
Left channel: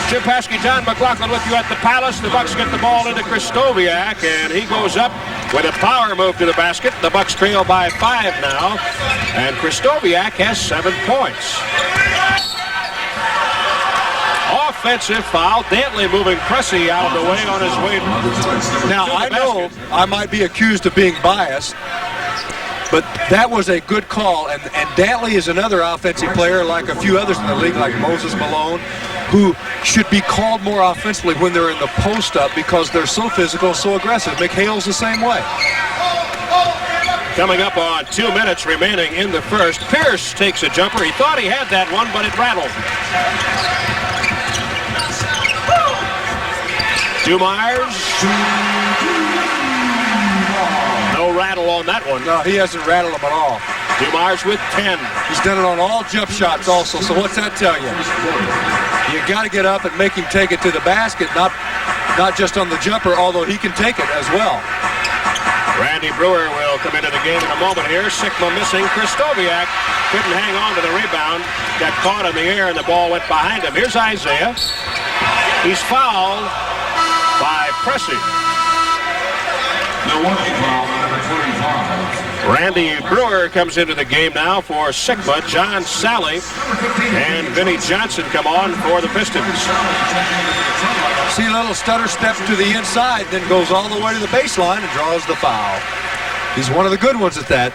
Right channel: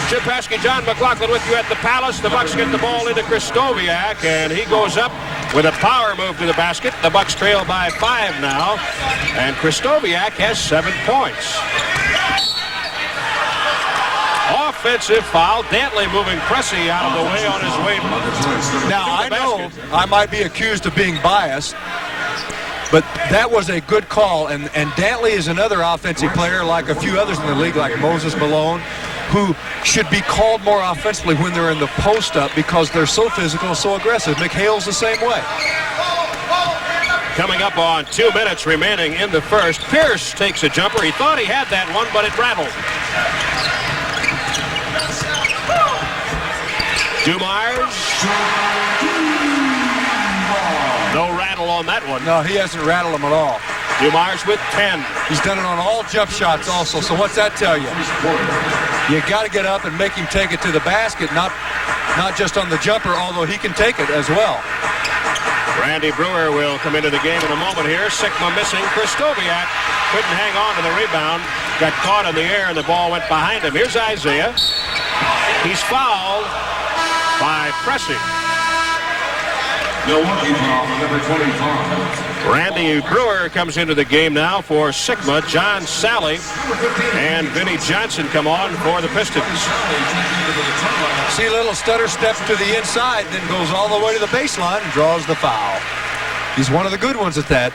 Jim Paskey, John McLaughlin with you at the Palace. The Bucks get the ball into Krzysztofiak, and he goes up with a power move to the basket. The Bucks trail by 5 now, and Krzysztofiak has 7 points. Offensive foul. Dantley moving Pressey out of the way on his way. Now, I know I might be accused of being biased, but that was a good call, and Dantley is another offensive player like a few others in the league, like Moses Malone, who should be called more offensively when they're in the post-up because they're so physical and so aggressive. McHale's the same way. Coming up on 2 minutes remaining in the first. Pierce takes a jumper. He thought he had that one, but it rattled. Dumars. No rattle on that one. No, he hasn't rattled them at all. Dumars with 10. He's done it on all jump shots also. So what's that tell you? You got to get up and make him take it to the basket, not just on the jumper, although he can take it as well. Randy Brewer will come into the game in a moment here. Sigma missing. Krzysztofiak couldn't hang on to the rebound. Got caught in the air, and the ball went behind him. Here's Isaiah. He's fouled by Pressey. Milwaukee foul, number 25. Randy Brewer comes into the game now for Sigma. John Sally and Vinnie Johnson come on for the Pistons. See a little stutter step to the inside, then goes all the way to the baseline and draws the foul. He's one of the good ones at that.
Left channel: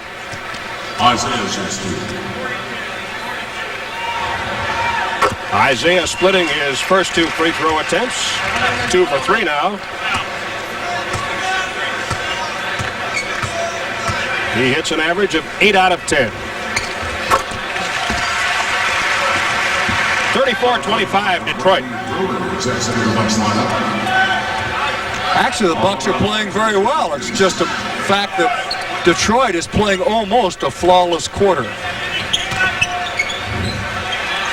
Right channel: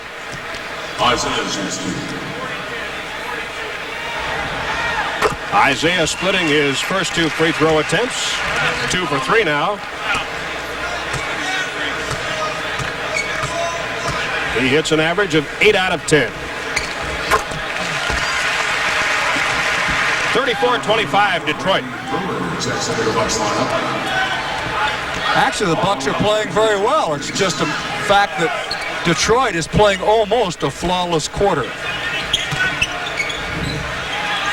Isaiah splitting his first 2 free throw attempts. 2 for 3 now. He hits an average of 8 out of 10. 34-25 Detroit. Actually, the Bucks are playing very well. It's just a fact that Detroit is playing almost a flawless quarter.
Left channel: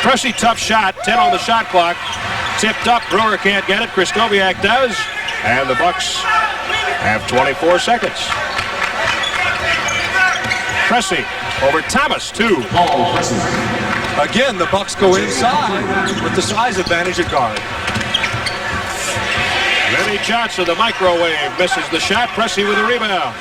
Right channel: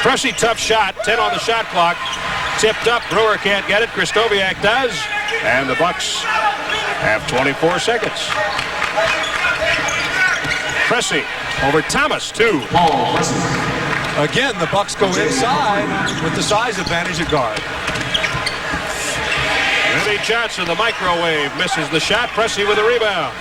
Pressey, tough shot. 10 on the shot clock. Tipped up. Brewer can't get it. Krzysztofiak does. And the Bucks have 24 seconds. Pressey over Thomas, 2. Again, the Bucks go inside with the size advantage at guard. Vinnie Johnson, the microwave, misses the shot. Pressey with a rebound.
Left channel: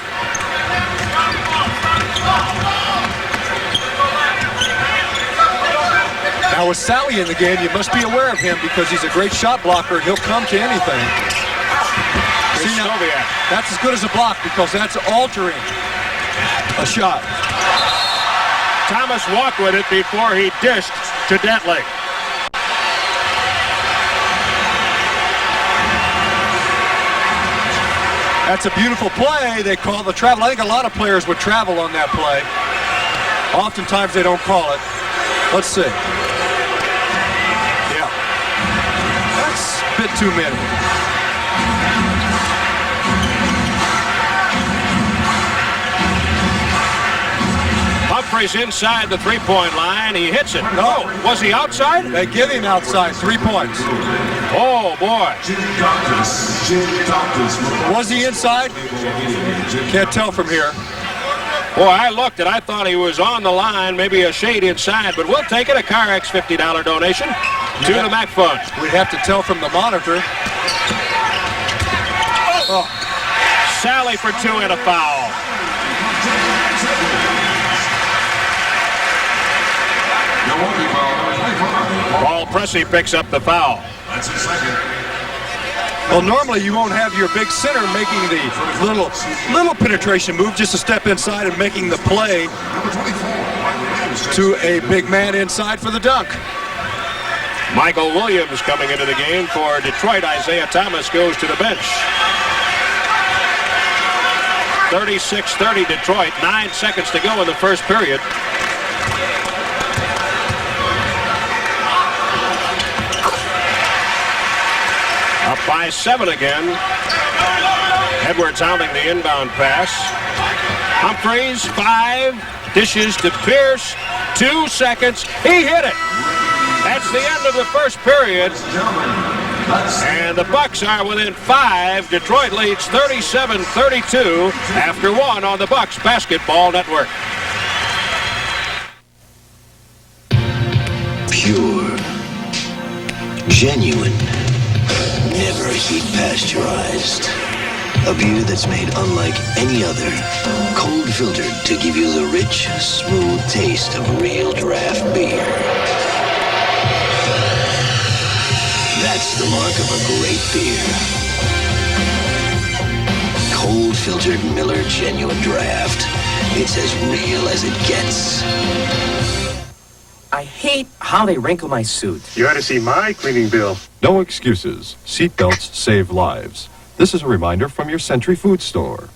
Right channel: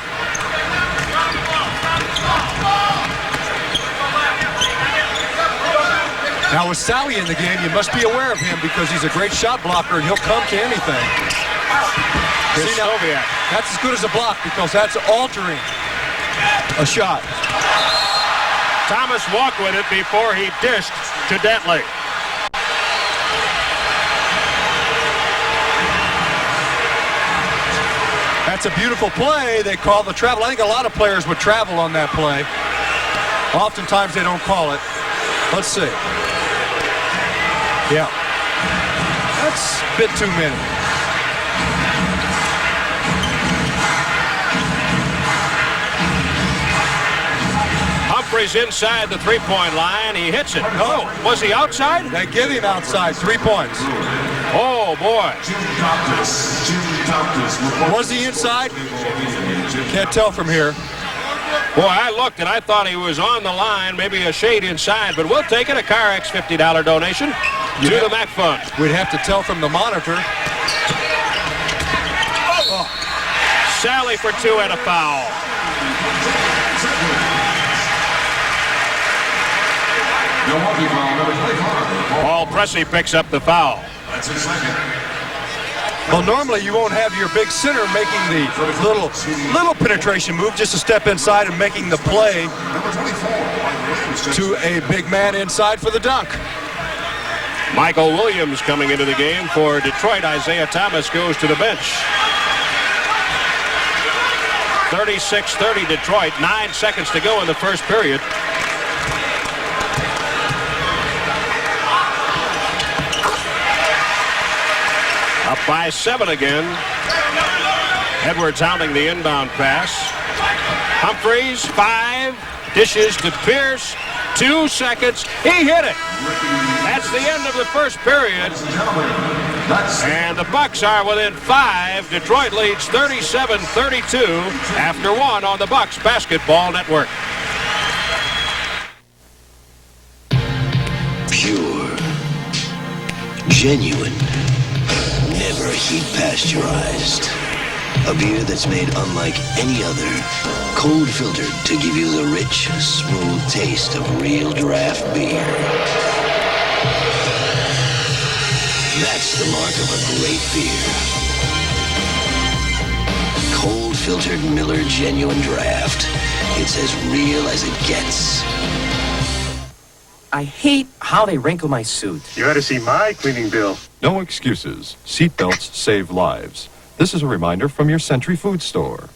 Now with Sally in the game, you must be aware of him because he's a great shot blocker and he'll come to anything. See, now, that's as good as a block because that's altering a shot. Thomas walked with it before he dished to Dantley. That's a beautiful play. They call the travel. I think a lot of players would travel on that play. Oftentimes they don't call it. Let's see. Yeah. That's a bit too many. Humphries inside the three-point line. He hits it. No. Was he outside? They give him outside. 3 points. Oh, boy. Was he inside? Can't tell from here. Boy, I looked and I thought he was on the line, maybe a shade inside, but we'll take it. A CarX $50 donation to the MAC Fund. We'd have to tell from the monitor. Oh. Sally for 2 and a foul. Milwaukee foul number 25. Paul Pressey picks up the foul. That's his second. Well, normally you won't have your big center making the little penetration move, just to step inside and making the play to a big man inside for the dunk. Michael Williams coming into the game for Detroit. Isaiah Thomas goes to the bench. 36-30 Detroit. 9 seconds to go in the first period. Up by 7 again. Edwards hounding the inbound pass. Humphries, 5. Dishes to Pierce. 2 seconds. He hit it. That's the end of the first period. And the Bucks are within 5. Detroit leads 37-32 after 1 on the Bucks Basketball Network. Pure, genuine, never heat pasteurized. A beer that's made unlike any other. Cold filtered to give you the rich, smooth taste of real draft beer. That's the mark of a great beer. Cold filtered Miller Genuine Draft. It's as real as it gets. I hate how they wrinkle my suit. You ought to see my cleaning bill. No excuses. Seatbelts save lives. This is a reminder from your Century Food Store.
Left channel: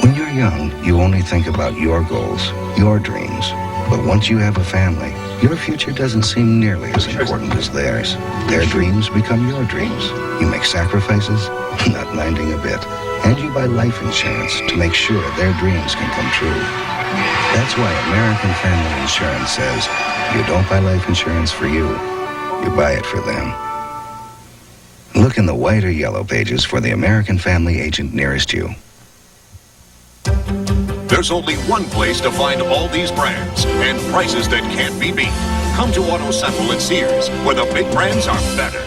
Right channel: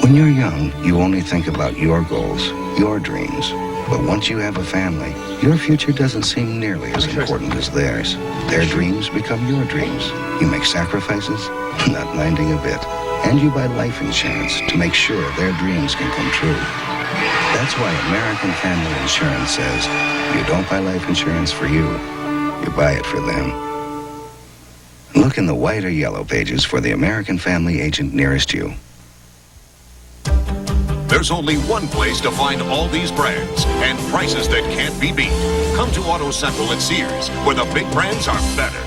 When you're young, you only think about your goals, your dreams. But once you have a family, your future doesn't seem nearly as important as theirs. Their dreams become your dreams. You make sacrifices, not minding a bit. And you buy life insurance to make sure their dreams can come true. That's why American Family Insurance says, you don't buy life insurance for you, you buy it for them. Look in the white or yellow pages for the American Family agent nearest you. There's only one place to find all these brands and prices that can't be beat. Come to Auto Central at Sears, where the big brands are better.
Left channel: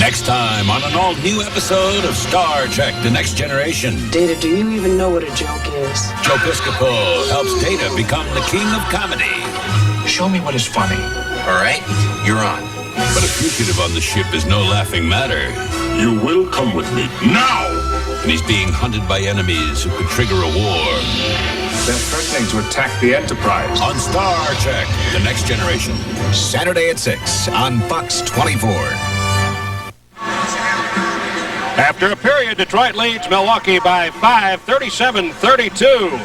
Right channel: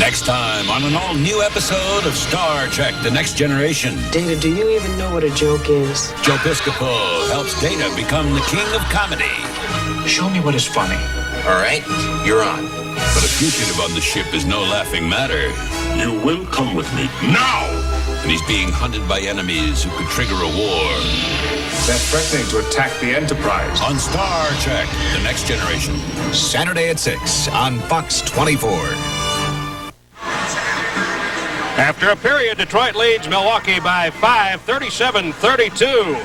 Next time on an all-new episode of Star Trek: The Next Generation. Data, do you even know what a joke is? Joe Piscopo helps Data become the king of comedy. Show me what is funny. All right, you're on. But a fugitive on the ship is no laughing matter. You will come with me now! And he's being hunted by enemies who could trigger a war. They're threatening to attack the Enterprise. On Star Trek: The Next Generation. Saturday at 6 on Fox 24. After a period, Detroit leads Milwaukee by 5, 37-32.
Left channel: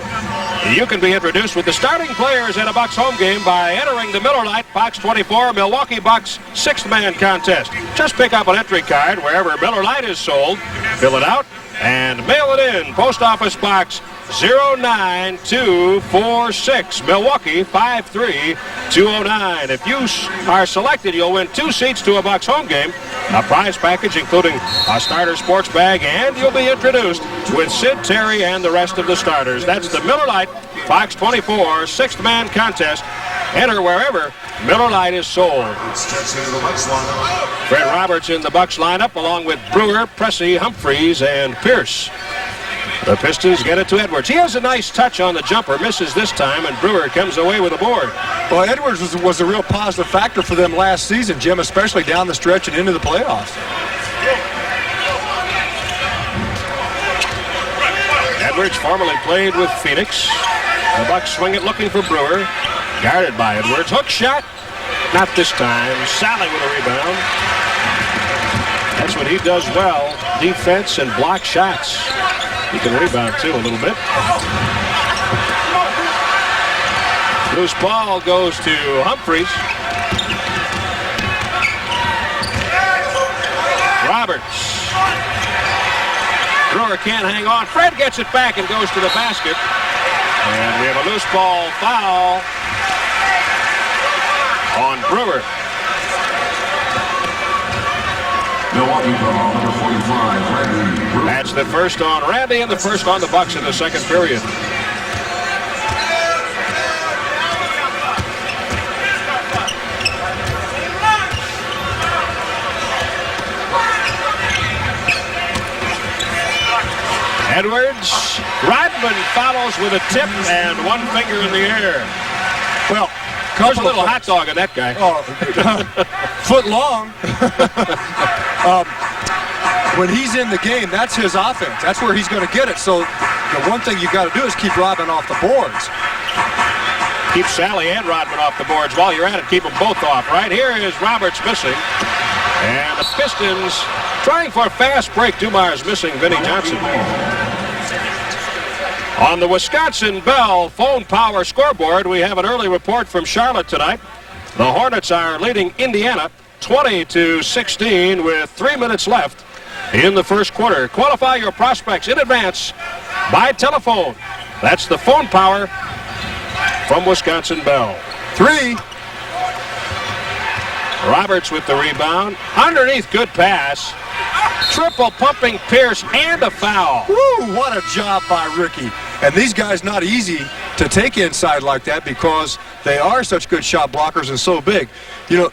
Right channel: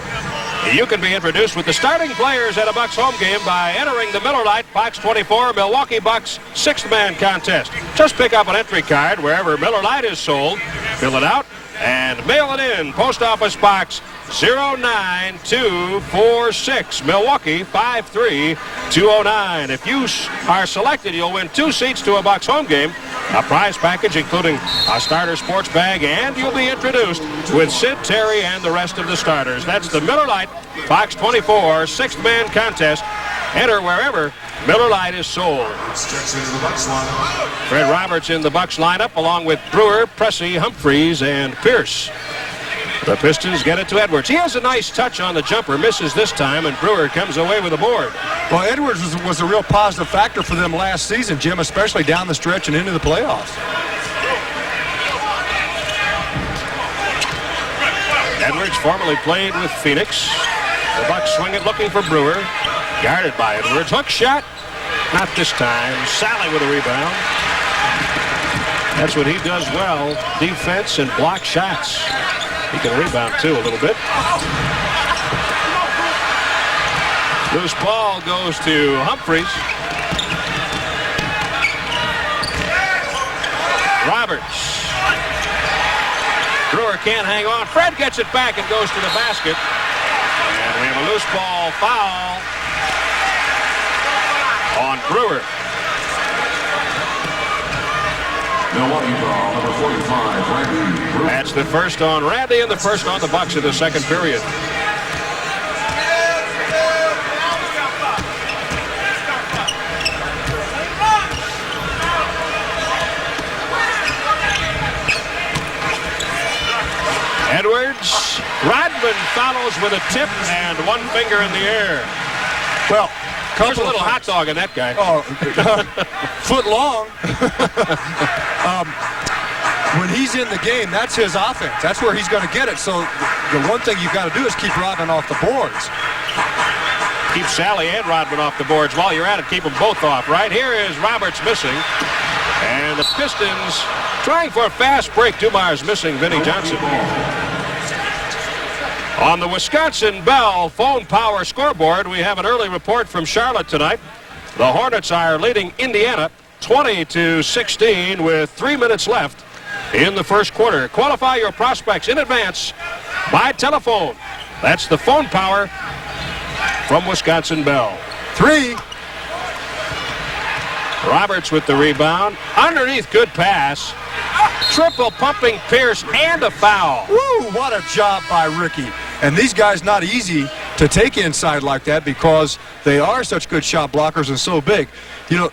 You can be introduced with the starting players at a Bucks home game by entering the Miller Lite Fox 24 Milwaukee Bucks Sixth Man Contest. Just pick up an entry card wherever Miller Lite is sold, fill it out, and mail it in. Post Office Box 09246, Milwaukee 53209. If you are selected, you'll win 2 seats to a Bucks home game, a prize package including a starter sports bag, and you'll be introduced with Sid Terry and the rest of the starters. That's the Miller Lite Fox 24 Sixth Man Contest. Enter wherever Miller Lite is sold. Fred Roberts in the Bucks lineup along with Brewer, Pressey, Humphries, and Pierce. The Pistons get it to Edwards. He has a nice touch on the jumper, misses this time, and Brewer comes away with a board. Well, Edwards was a real positive factor for them last season, Jim, especially down the stretch and into the playoffs. Edwards formerly played with Phoenix. The Bucks swing it looking for Brewer. Guarded by Edwards. Hook shot. Not this time. Sally with a rebound. That's what he does well. Defense and block shots. He can rebound, too, a little bit. Loose ball goes to Humphries. Roberts. Brewer can't hang on. Fred gets it back and goes to the basket. And we have a loose ball foul on Brewer. Milwaukee foul number 45, Randy Brewer. That's the first on Randy and the first on the Bucks in the second period. Edwards. Rodman follows with a tip and one finger in the air. There's a little hot dog in that guy. Oh, foot long. When he's in the game, that's his offense. That's where he's going to get it. So the one thing you've got to do is keep Rodman off the boards. Keep Sally and Rodman off the boards. While you're at it, keep them both off, right? Here is Roberts missing. And the Pistons trying for a fast break. Dumars missing Vinnie Johnson. On the Wisconsin Bell phone power scoreboard, we have an early report from Charlotte tonight. The Hornets are leading Indiana 20-16 with 3 minutes left in the first quarter. Qualify your prospects in advance by telephone. That's the phone power from Wisconsin Bell. 3. Roberts with the rebound. Underneath, good pass. Triple pumping Pierce and a foul. Woo, what a job by Ricky. And these guys not easy to take inside like that because they are such good shot blockers and so big. You know,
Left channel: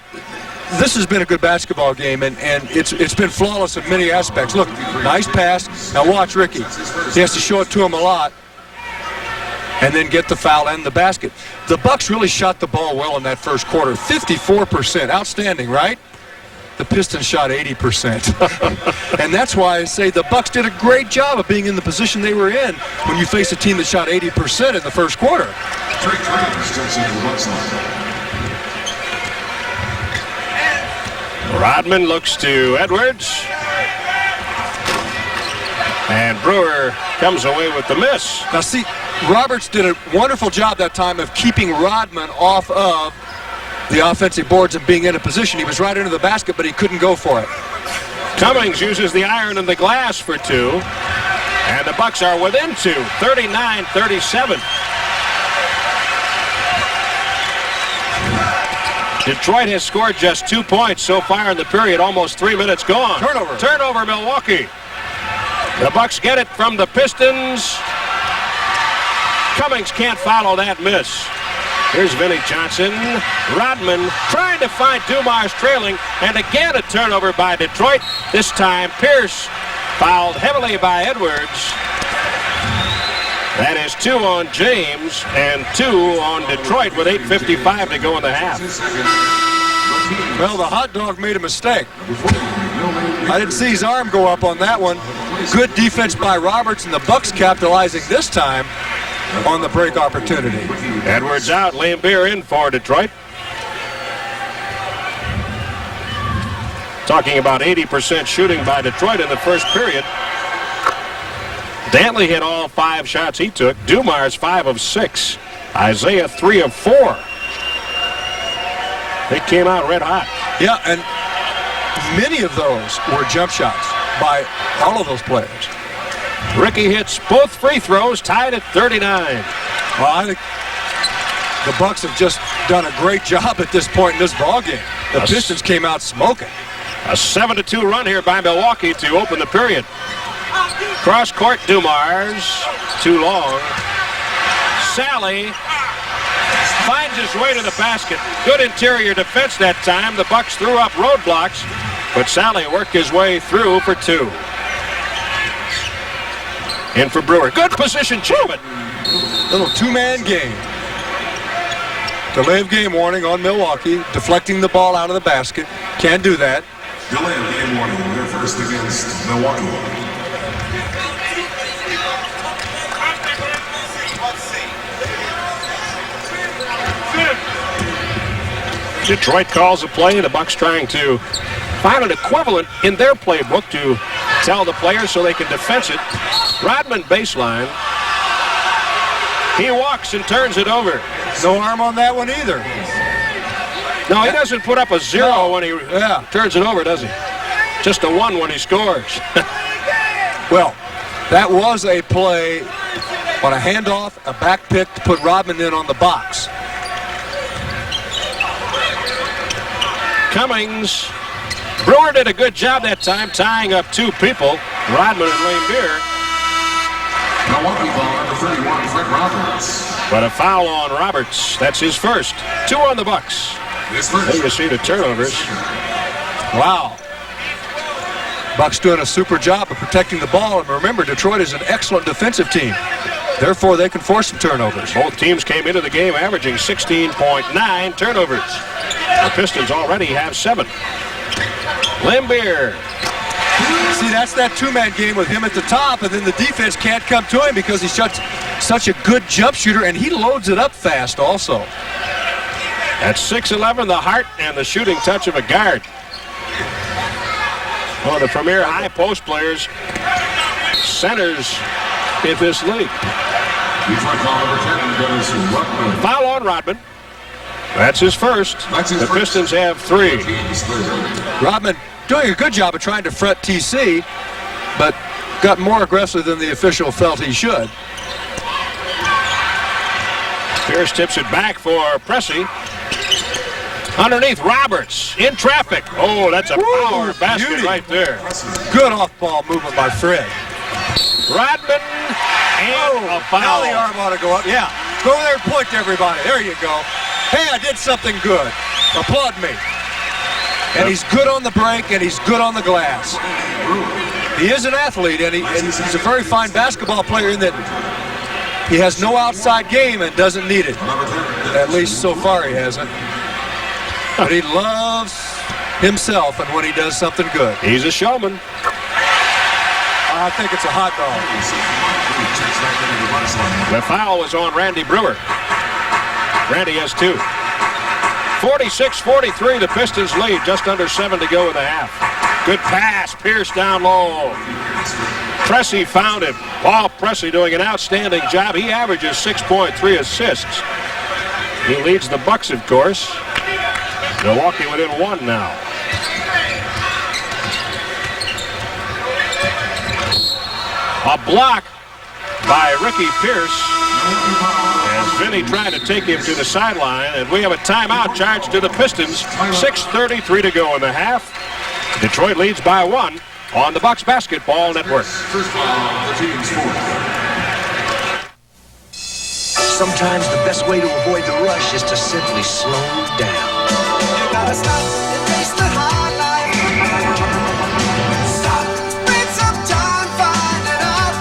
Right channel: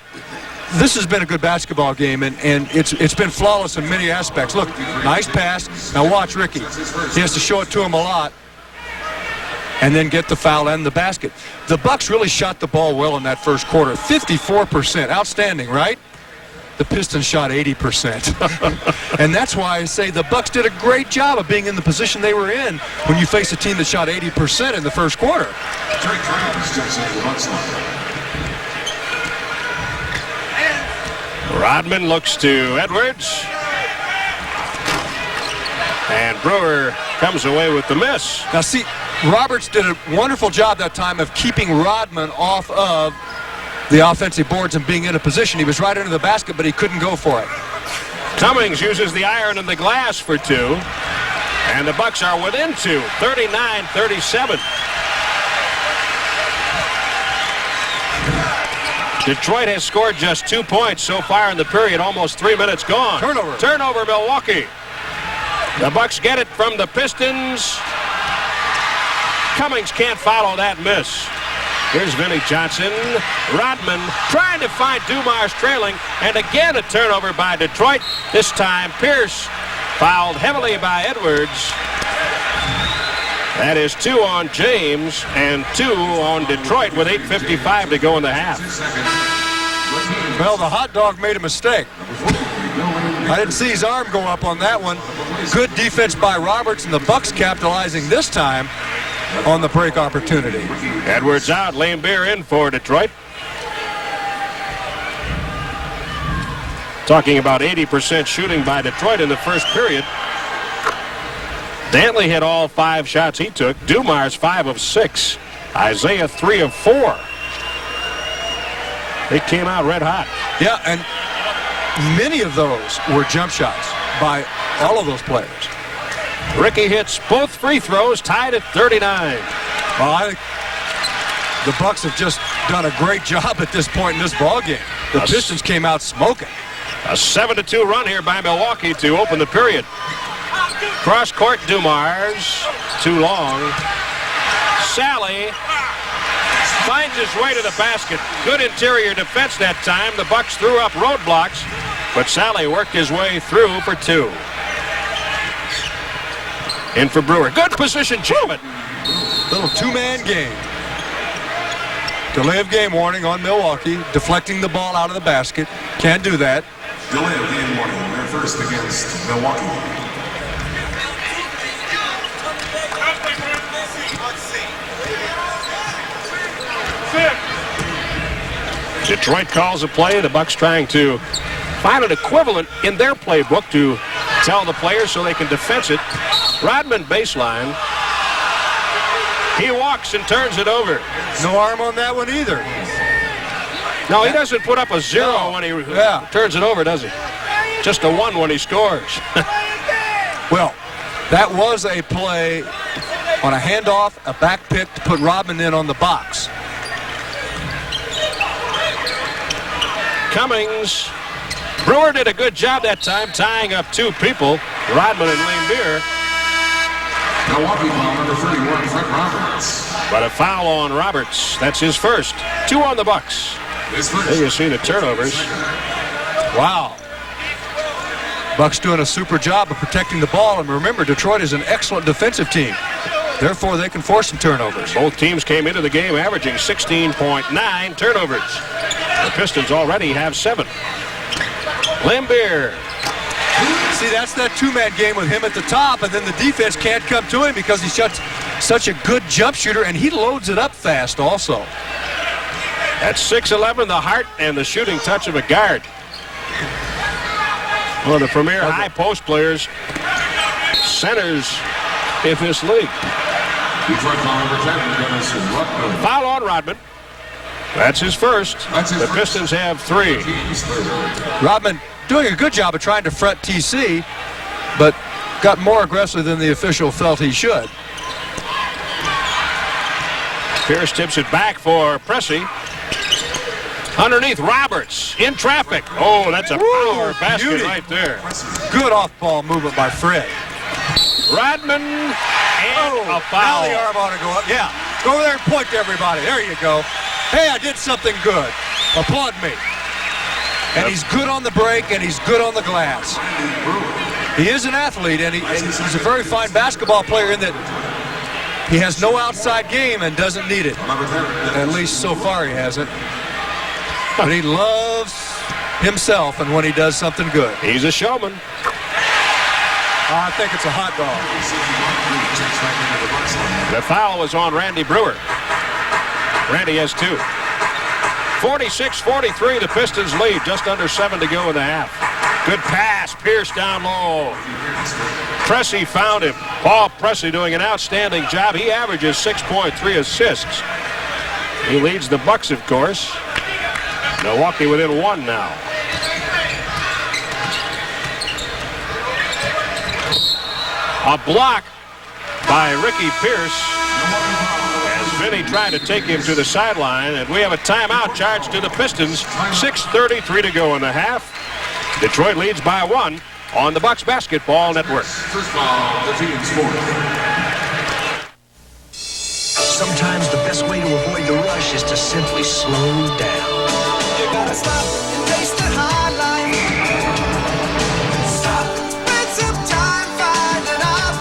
this has been a good basketball game, and it's been flawless in many aspects. Look, nice pass. Now watch Ricky. He has to show it to him a lot and then get the foul and the basket. The Bucks really shot the ball well in that first quarter. 54%. Outstanding, right? The Pistons shot 80%. And that's why I say the Bucks did a great job of being in the position they were in when you face a team that shot 80% in the first quarter. Rodman looks to Edwards. And Brewer comes away with the miss. Now see, Roberts did a wonderful job that time of keeping Rodman off of the offensive boards and being in a position. He was right into the basket, but he couldn't go for it. Cummings uses the iron and the glass for 2. And the Bucks are within 2, 39-37. Detroit has scored just 2 points so far in the period. Almost 3 minutes gone. Turnover, Milwaukee. The Bucks get it from the Pistons. Cummings can't follow that miss. Here's Vinnie Johnson. Rodman trying to find Dumars trailing. And again a turnover by Detroit. This time Pierce fouled heavily by Edwards. That is 2 on James and 2 on Detroit with 8:55 to go in the half. Well, the hot dog made a mistake. I didn't see his arm go up on that one. Good defense by Roberts, and the Bucks capitalizing this time on the break opportunity. Edwards out, Laimbeer in for Detroit. Talking about 80% shooting by Detroit in the first period. Dantley hit all 5 shots he took. Dumars 5 of 6. Isaiah 3 of 4. They came out red hot. Yeah, and many of those were jump shots by all of those players. Ricky hits both free throws, tied at 39. Well, I think the Bucks have just done a great job at this point in this ball game. The Pistons came out smoking. A 7-2 run here by Milwaukee to open the period. Cross court, Dumars. Too long. Sally finds his way to the basket. Good interior defense that time. The Bucks threw up roadblocks, but Sally worked his way through for 2. In for Brewer. Good position, Jim. Little two-man game. Delay of game warning on Milwaukee. Deflecting the ball out of the basket. Can't do that. Delay of game warning. We're first against Milwaukee. Detroit calls a play. The Bucks trying to find an equivalent in their playbook to tell the players so they can defense it. Rodman baseline. He walks and turns it over. No arm on that one either. No, he doesn't put up a 0 when he turns it over, does he? Just a 1 when he scores. Well, that was a play on a handoff, a back pick to put Rodman in on the box. Cummings. Brewer did a good job that time tying up 2 people, Rodman and Laimbeer. Milwaukee ball number 31, Fred Roberts. But a foul on Roberts. That's his first. 2 on the Bucks. There you see the turnovers. Wow. Bucks doing a super job of protecting the ball. And remember, Detroit is an excellent defensive team. Therefore, they can force some turnovers. Both teams came into the game averaging 16.9 turnovers. The Pistons already have 7. Limbeer. See, that's that two-man game with him at the top, and then the defense can't come to him because he's such a good jump shooter, and he loads it up fast also. At 6'11", the heart and the shooting touch of a guard. One of the premier high post players, centers in this league. Foul on Rodman. That's his first. The Pistons have 3. Rodman doing a good job of trying to front TC, but got more aggressive than the official felt he should. Pierce tips it back for Pressey. Underneath, Roberts in traffic. Oh, that's a power basket beauty. right there. Good off-ball movement by Fred. Rodman and a foul. Now the arm ought to go up. Yeah, go over there and point to everybody. There you go. Hey, I did something good. Applaud me. And he's good on the break, and he's good on the glass. He is an athlete, and he's a very fine basketball player in that he has no outside game and doesn't need it. At least so far he hasn't. But he loves himself, and when he does something good. He's a showman. I think it's a hot dog. The foul was on Randy Brewer. Randy has 2. 46-43, the Pistons lead. Just under 7 to go in the half. Good pass. Pierce down low. Pressey found him. Paul Pressey doing an outstanding job. He averages 6.3 assists. He leads the Bucks, of course. Milwaukee within 1 now. A block by Ricky Pierce as Vinny tried to take him to the sideline, and we have a timeout charged to the Pistons. 6:33 to go in the half. Detroit leads by 1 on the Bucks Basketball Network. Sometimes the best way to avoid the rush is to simply slow down. You gotta stop and taste the high life. Stop, spend some time finding out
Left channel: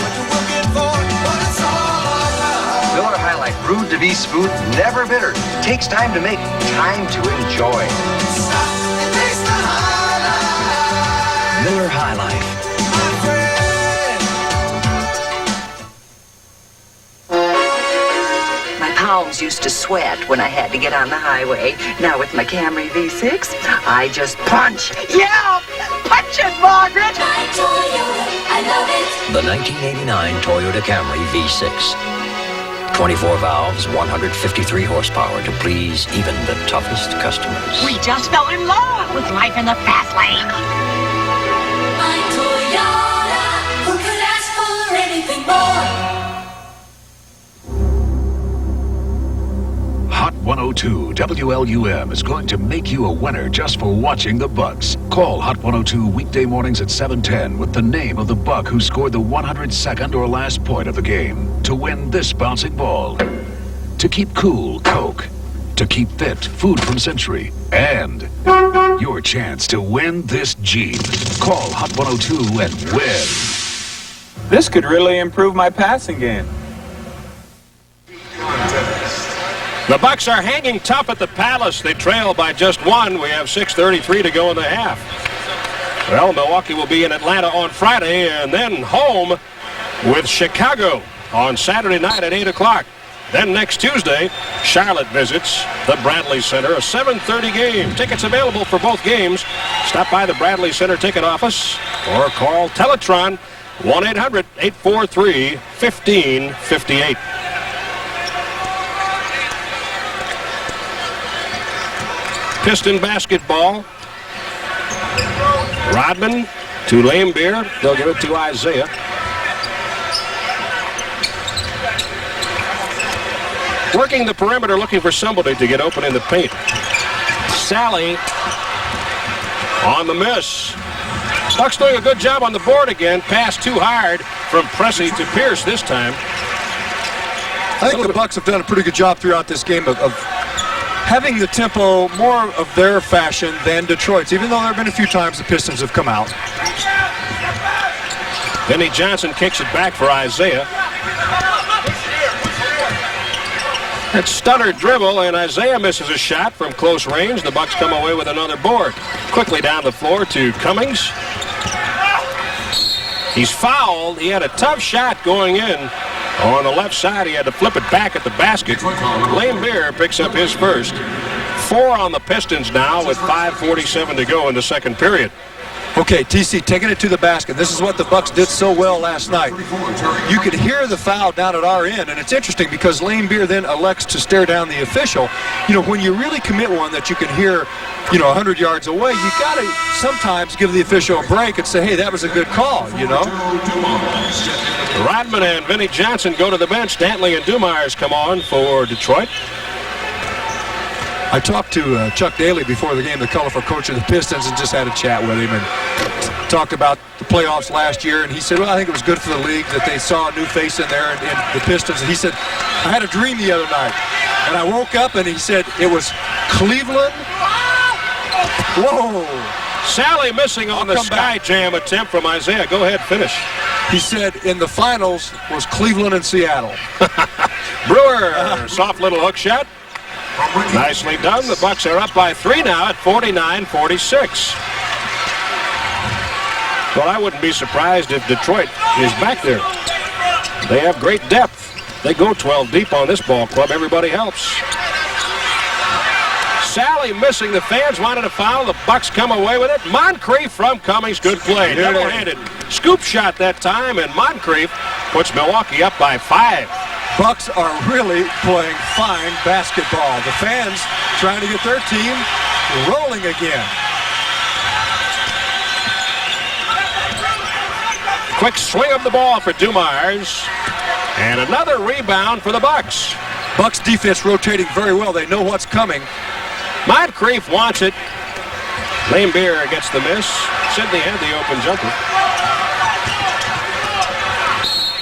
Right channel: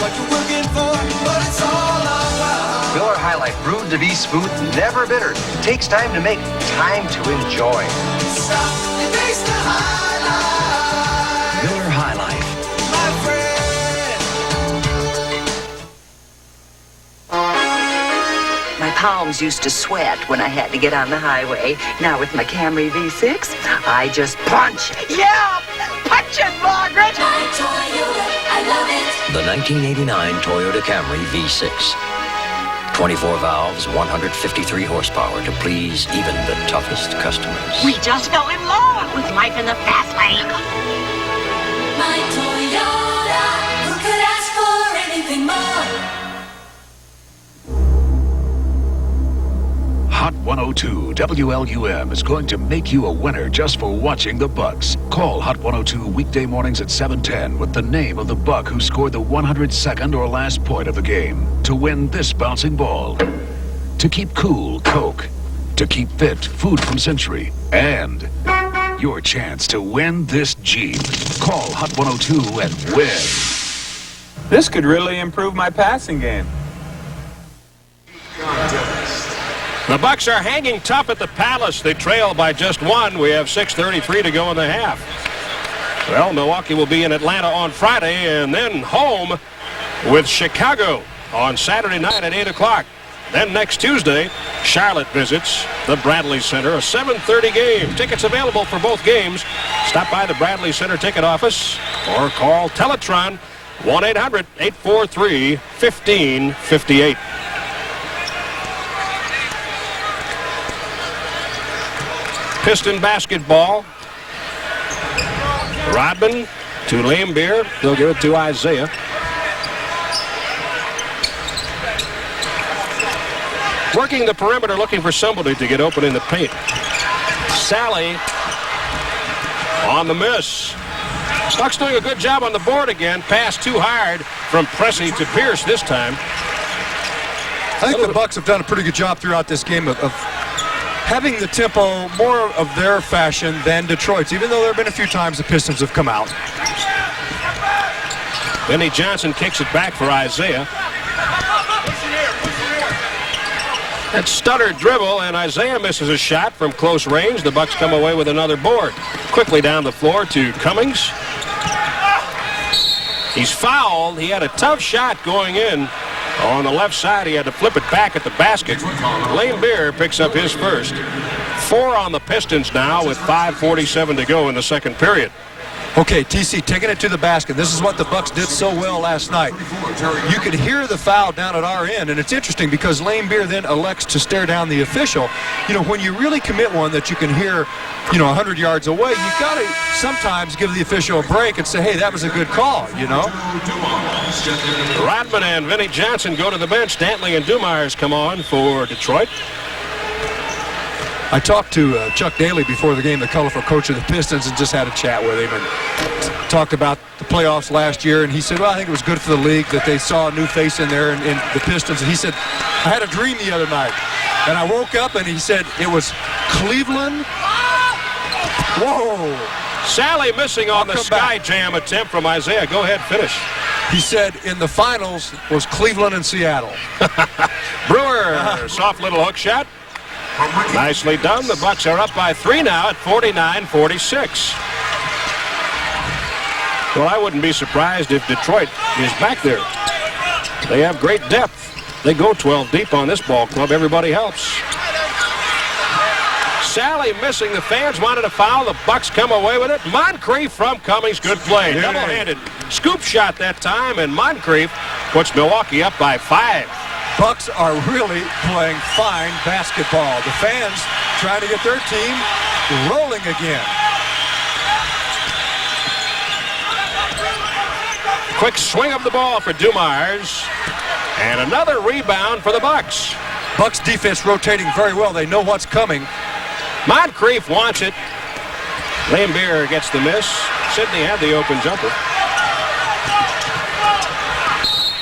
what you're looking for, but it's all around. Miller High Life, brewed to be smooth, never bitter. Takes time to make, time to enjoy. Stop and taste the high life. Miller High Life. My friend. My palms used to sweat when I had to get on the highway. Now with my Camry V6, I just punch. Yeah! Punch it, Margaret! My Toyota, I love it. The 1989 Toyota Camry V6. 24 valves, 153 horsepower to please even the toughest customers. We just fell in love with life in the fast lane. My Toyota, who could ask for anything more? Hot 102 WLUM is going to make you a winner just for watching the Bucks. Call Hot 102 weekday mornings at 7:10 with the name of the Buck who scored the 102nd or last point of the game to win this bouncing ball. To keep cool, Coke. To keep fit, food from Century. And your chance to win this Jeep. Call Hot 102 and win. This could really improve my passing game. The Bucks are hanging tough at the Palace. They trail by just 1. We have 6:33 to go in the half. Well, Milwaukee will be in Atlanta on Friday and then home with Chicago on Saturday night at 8 o'clock. Then next Tuesday, Charlotte visits the Bradley Center, a 7:30 game. Tickets available for both games. Stop by the Bradley Center ticket office or call Teletron 1-800-843-1558. Piston basketball. Rodman to Lambeer. They'll give it to Isaiah. Working the perimeter, looking for somebody to get open in the paint. Sally on the miss. Bucks doing a good job on the board again. Pass too hard from Pressey to Pierce this time. I think the Bucks have done a pretty good job throughout this game of having the tempo more of their fashion than Detroit's, even though there have been a few times the Pistons have come out. Vinnie Johnson kicks it back for Isaiah. That stutter dribble, and Isaiah misses a shot from close range. The Bucks come away with another board. Quickly down the floor to Cummings. He's fouled. He had a tough shot going in on the left side. He had to flip it back at the basket. Lane Beer picks up his first. 4 on the Pistons now with 5:47 to go in the second period. Okay, TC taking it to the basket. This is what the Bucks did so well last night. You could hear the foul down at our end, and it's interesting because Lane Beer then elects to stare down the official. You know, when you really commit one that you can hear, 100 yards away, you got to sometimes give the official a break and say, hey, that was a good call, Rodman and Vinnie Johnson go to the bench. Dantley and Dumars come on for Detroit. I talked to Chuck Daly before the game, the colorful coach of the Pistons, and just had a chat with him and talked about the playoffs last year. And he said, well, I think it was good for the league that they saw a new face in there in the Pistons. And he said, I had a dream the other night. And I woke up and he said it was Cleveland. Whoa. Sally missing on the sky jam attempt from Isaiah. Go ahead, finish. He said in the finals was Cleveland and Seattle. Brewer, soft little hook shot. Nicely done. The Bucks are up by 3 now at 49-46. Well, I wouldn't be surprised if Detroit is back there. They have great depth. They go 12 deep on this ball club. Everybody helps. Sally missing. The fans wanted a foul. The Bucks come away with it. Moncrief from Cummings. Good play. Double-handed scoop shot that time, and Moncrief puts Milwaukee up by 5. Bucks are really playing fine basketball. The fans trying to get their team rolling again. Quick swing of the ball for Dumars. And another rebound for the Bucks. Bucks defense rotating very well. They know what's coming. Moncrief wants it. Lane Beer gets the miss. Sidney had the open jumper.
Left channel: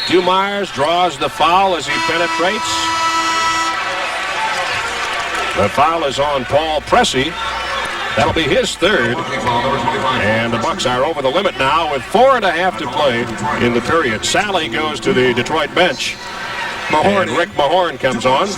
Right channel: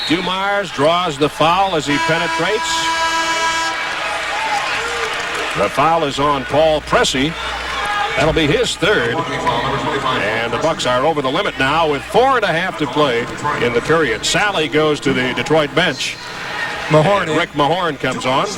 Dumars draws the foul as he penetrates. The foul is on Paul Pressey. That'll be his third. And the Bucks are over the limit now with 4.5 to play in the period. Sally goes to the Detroit bench. Mahorn. Rick Mahorn comes on.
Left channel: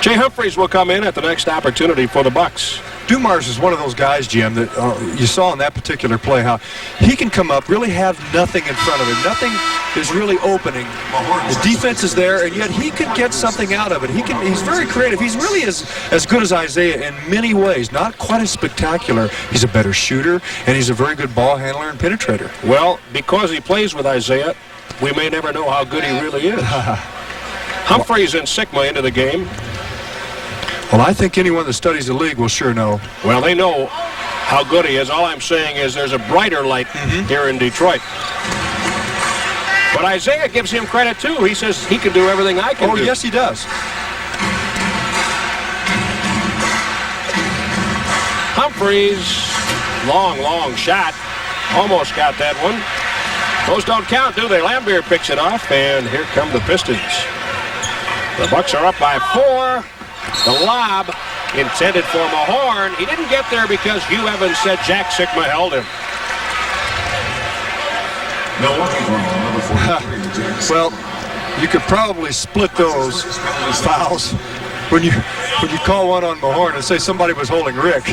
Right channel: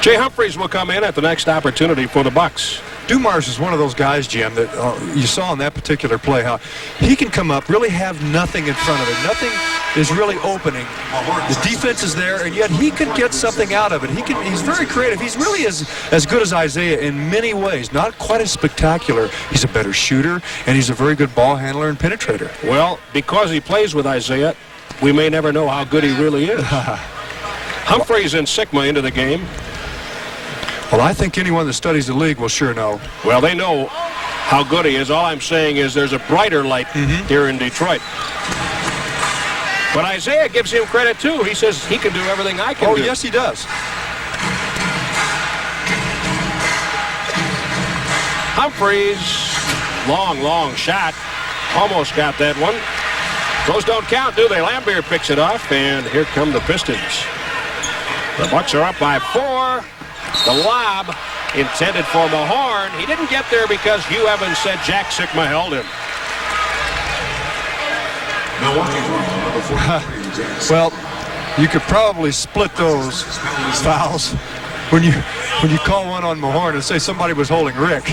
Jay Humphries will come in at the next opportunity for the Bucks. Dumars is one of those guys, Jim, that you saw in that particular play how he can come up, really have nothing in front of him. Nothing is really opening. The defense is there, and yet he can get something out of it. He's very creative. He's really as good as Isaiah in many ways. Not quite as spectacular. He's a better shooter, and he's a very good ball handler and penetrator. Well, because he plays with Isaiah, we may never know how good he really is. Humphries and Sikma into the game. Well, I think anyone that studies the league will sure know. Well, they know how good he is. All I'm saying is there's a brighter light here in Detroit. But Isaiah gives him credit, too. He says he can do everything I can do. Oh, yes, he does. Humphries, long shot. Almost got that one. Those don't count, do they? Lambier picks it off, and here come the Pistons. The Bucks are up by 4. The lob intended for Mahorn. He didn't get there because Hugh Evans said Jack Sikma held him. Well, you could probably split those fouls when you call one on Mahorn and say somebody was holding Rick.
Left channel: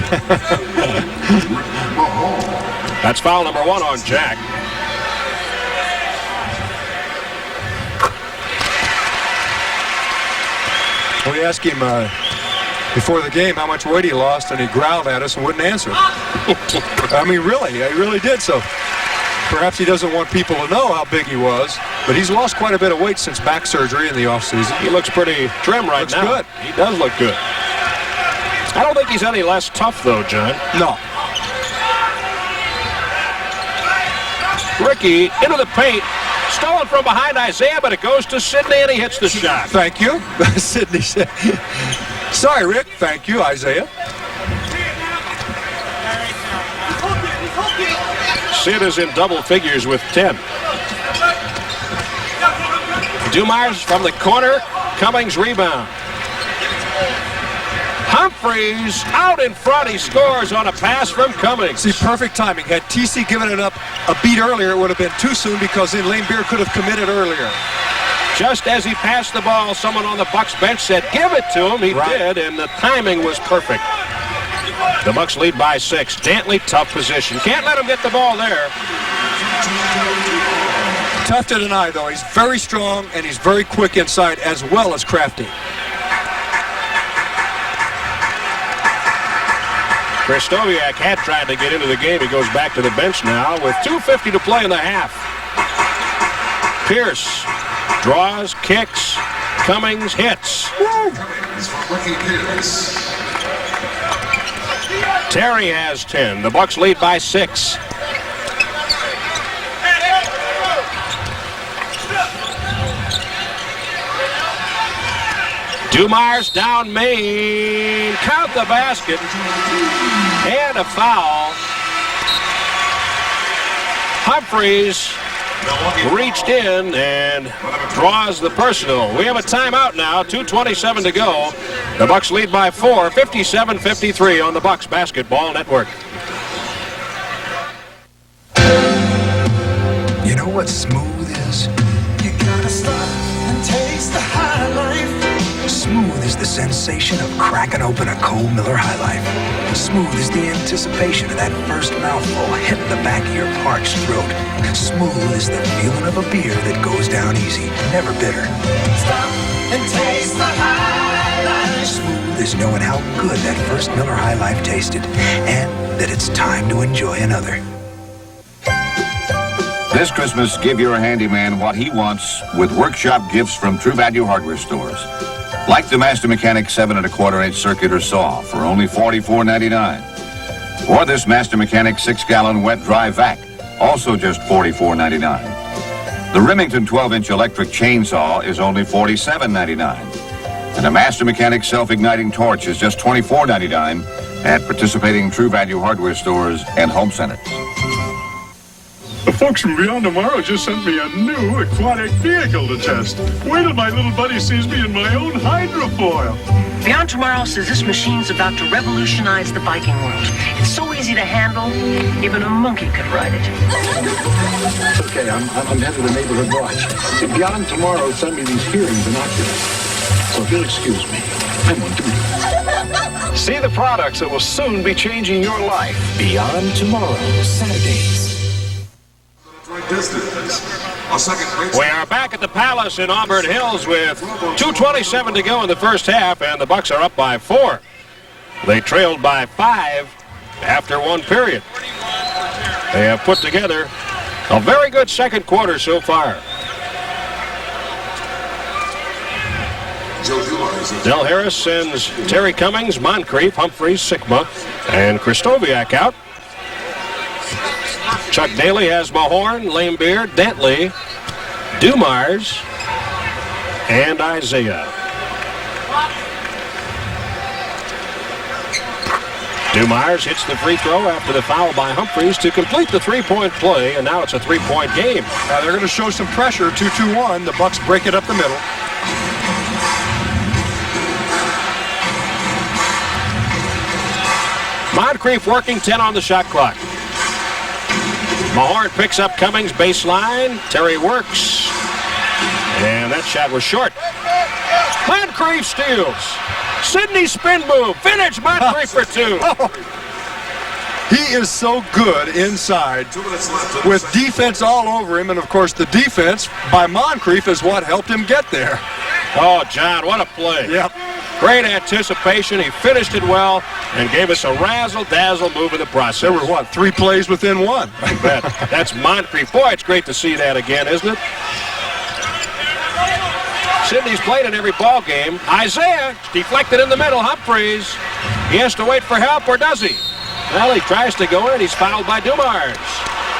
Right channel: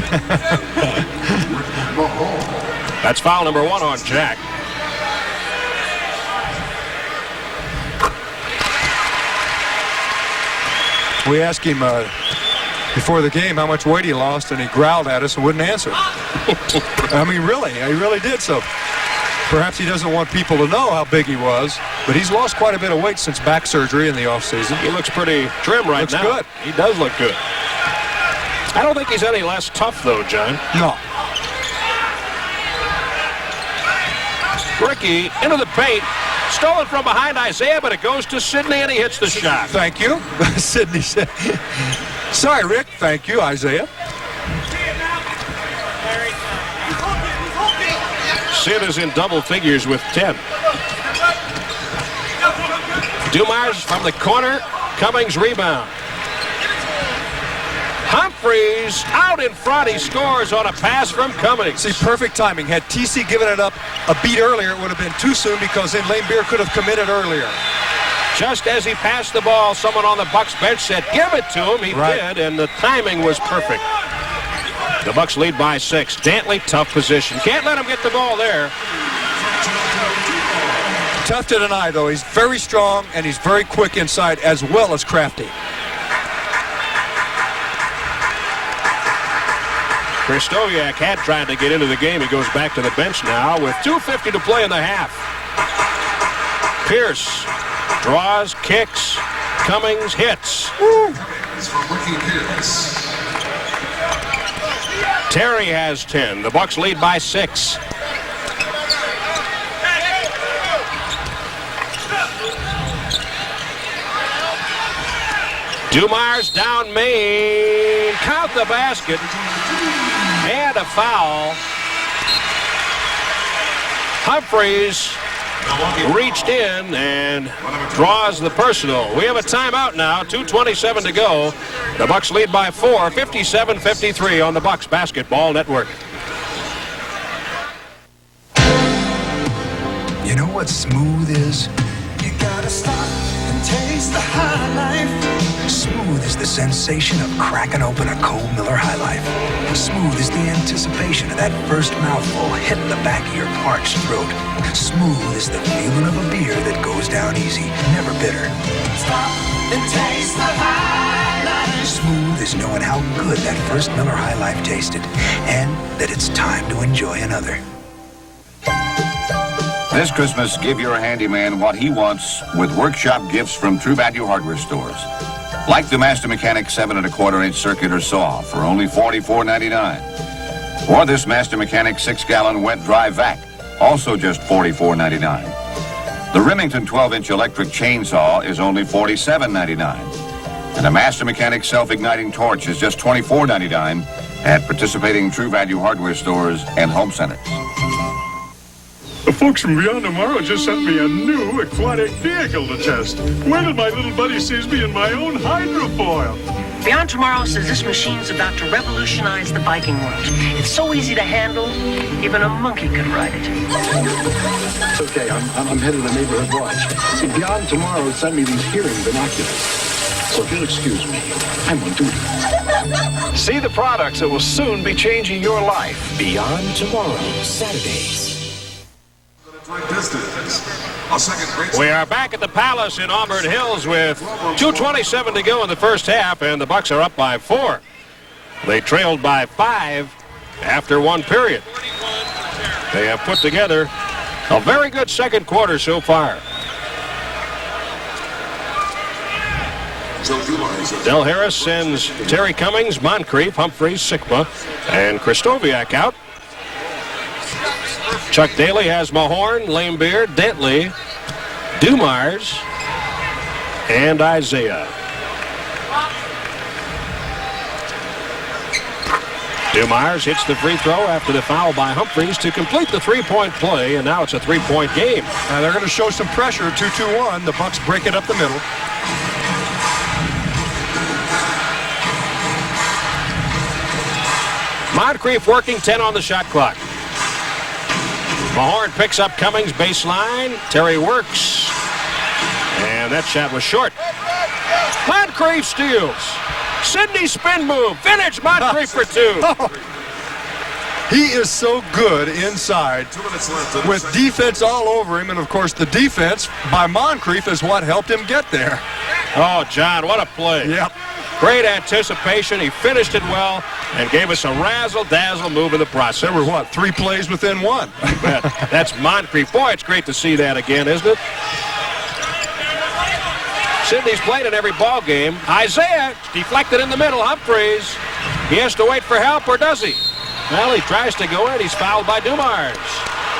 That's foul number 1 on Jack. We asked him before the game how much weight he lost, and he growled at us and wouldn't answer. I mean, really, he really did. So perhaps he doesn't want people to know how big he was, but he's lost quite a bit of weight since back surgery in the offseason. He looks pretty trim right now. Looks good. He does look good. I don't think he's any less tough, though, John. No. Ricky into the paint. Stolen from behind Isaiah, but it goes to Sidney, and he hits the shot. Thank you. Sidney said, sorry, Rick. Thank you, Isaiah. Sid is in double figures with 10. Dumars from the corner. Cummings rebound. Humphreys out in front. He scores on a pass from Cummings. See, perfect timing. Had TC given it up a beat earlier, it would have been too soon because then Lane Beer could have committed earlier. Just as he passed the ball, someone on the Bucks bench said, give it to him. He did, and the timing was perfect. The Bucks lead by 6. Dantley, tough position. Can't let him get the ball there. Tough to deny, though. He's very strong, and he's very quick inside as well as crafty. Kristoviak had tried to get into the game. He goes back to the bench now with 2:50 to play in the half. Pierce draws, kicks, Cummings hits. It's from Ricky Pierce. Terry has 10. The Bucks lead by 6. Dumars down main. Count the basket. And a foul. Humphreys reached in and draws the personal. We have a timeout now. 2:27 to go. The Bucks lead by 4. 57-53 on the Bucks Basketball Network. You know what smooth is? You gotta stop and taste the high life. Smooth is the sensation of cracking open a cold Miller High Life. Smooth is the anticipation of that first mouthful hitting the back of your parched throat. Smooth is the feeling of a beer that goes down easy, never bitter. Stop and taste the high life. Smooth is knowing how good that first Miller High Life tasted and that it's time to enjoy another. This Christmas, give your handyman what he wants with workshop gifts from True Value Hardware stores. Like the Master Mechanic 7 1/4-inch circular saw for only $44.99. Or this Master Mechanic 6-gallon wet dry vac, also just $44.99. The Remington 12-inch electric chainsaw is only $47.99. And a Master Mechanic self-igniting torch is just $24.99 at participating True Value Hardware stores and home centers. The folks from Beyond Tomorrow just sent me a new aquatic vehicle to test. Wait till my little buddy sees me in my own hydrofoil. Beyond Tomorrow says this machine's about to revolutionize the biking world. It's so easy to handle, even a monkey could ride it. It's okay, I'm head of the neighborhood watch. See, Beyond Tomorrow sent me these hearing binoculars. So if you'll excuse me, I'm on duty. See the products that will soon be changing your life. Beyond Tomorrow, Saturdays. We are back at the Palace in Auburn Hills with 2:27 to go in the first half, and the Bucks are up by 4. They trailed by 5 after 1 period. They have put together a very good second quarter so far. Del Harris sends Terry Cummings, Moncrief, Humphreys, Sikma, and Kristoviak out. Chuck Daly has Mahorn, Lamebeer, Dantley, Dumars, and Isaiah. Dumars hits the free throw after the foul by Humphreys to complete the three-point play, and now it's a three-point game. Now they're going to show some pressure. 2-2-1. The Bucks break it up the middle. Moncrief working 10 on the shot clock. Mahorn picks up Cummings baseline. Terry works. And that shot was short. Moncrief steals. Sidney spin move. Finish Moncrief for 2. He is so good inside with defense all over him. And, of course, the defense by Moncrief is what helped him get there. Oh, John, what a play. Yep. Great anticipation. He finished it well and gave us a razzle-dazzle move in the process. There were, 3 plays within 1? That's Moncrief. Boy, it's great to see that again, isn't it? Sidney's played in every ball game. Isaiah deflected in the middle. Humphreys. He has to wait for help, or does he? Well, he tries to go in. He's fouled by Dumars.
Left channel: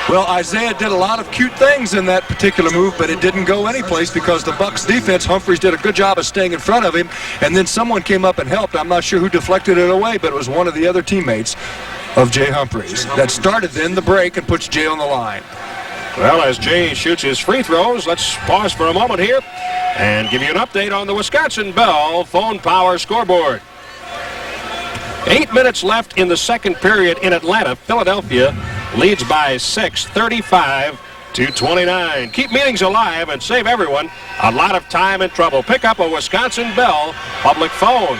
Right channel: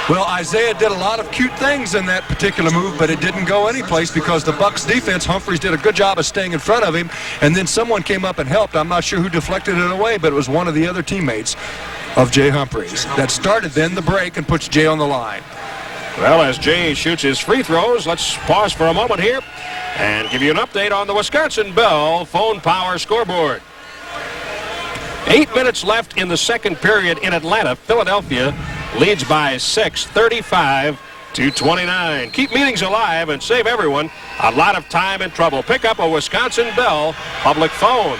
Well, Isaiah did a lot of cute things in that particular move, but it didn't go anyplace because the Bucks defense, Humphreys, did a good job of staying in front of him, and then someone came up and helped. I'm not sure who deflected it away, but it was one of the other teammates of Jay Humphreys that started then the break and puts Jay on the line. Well, as Jay shoots his free throws, let's pause for a moment here and give you an update on the Wisconsin Bell phone power scoreboard. 8 minutes left in the second period in Atlanta. Philadelphia leads by 6, 35-29. Keep meetings alive and save everyone a lot of time and trouble. Pick up a Wisconsin Bell public phone.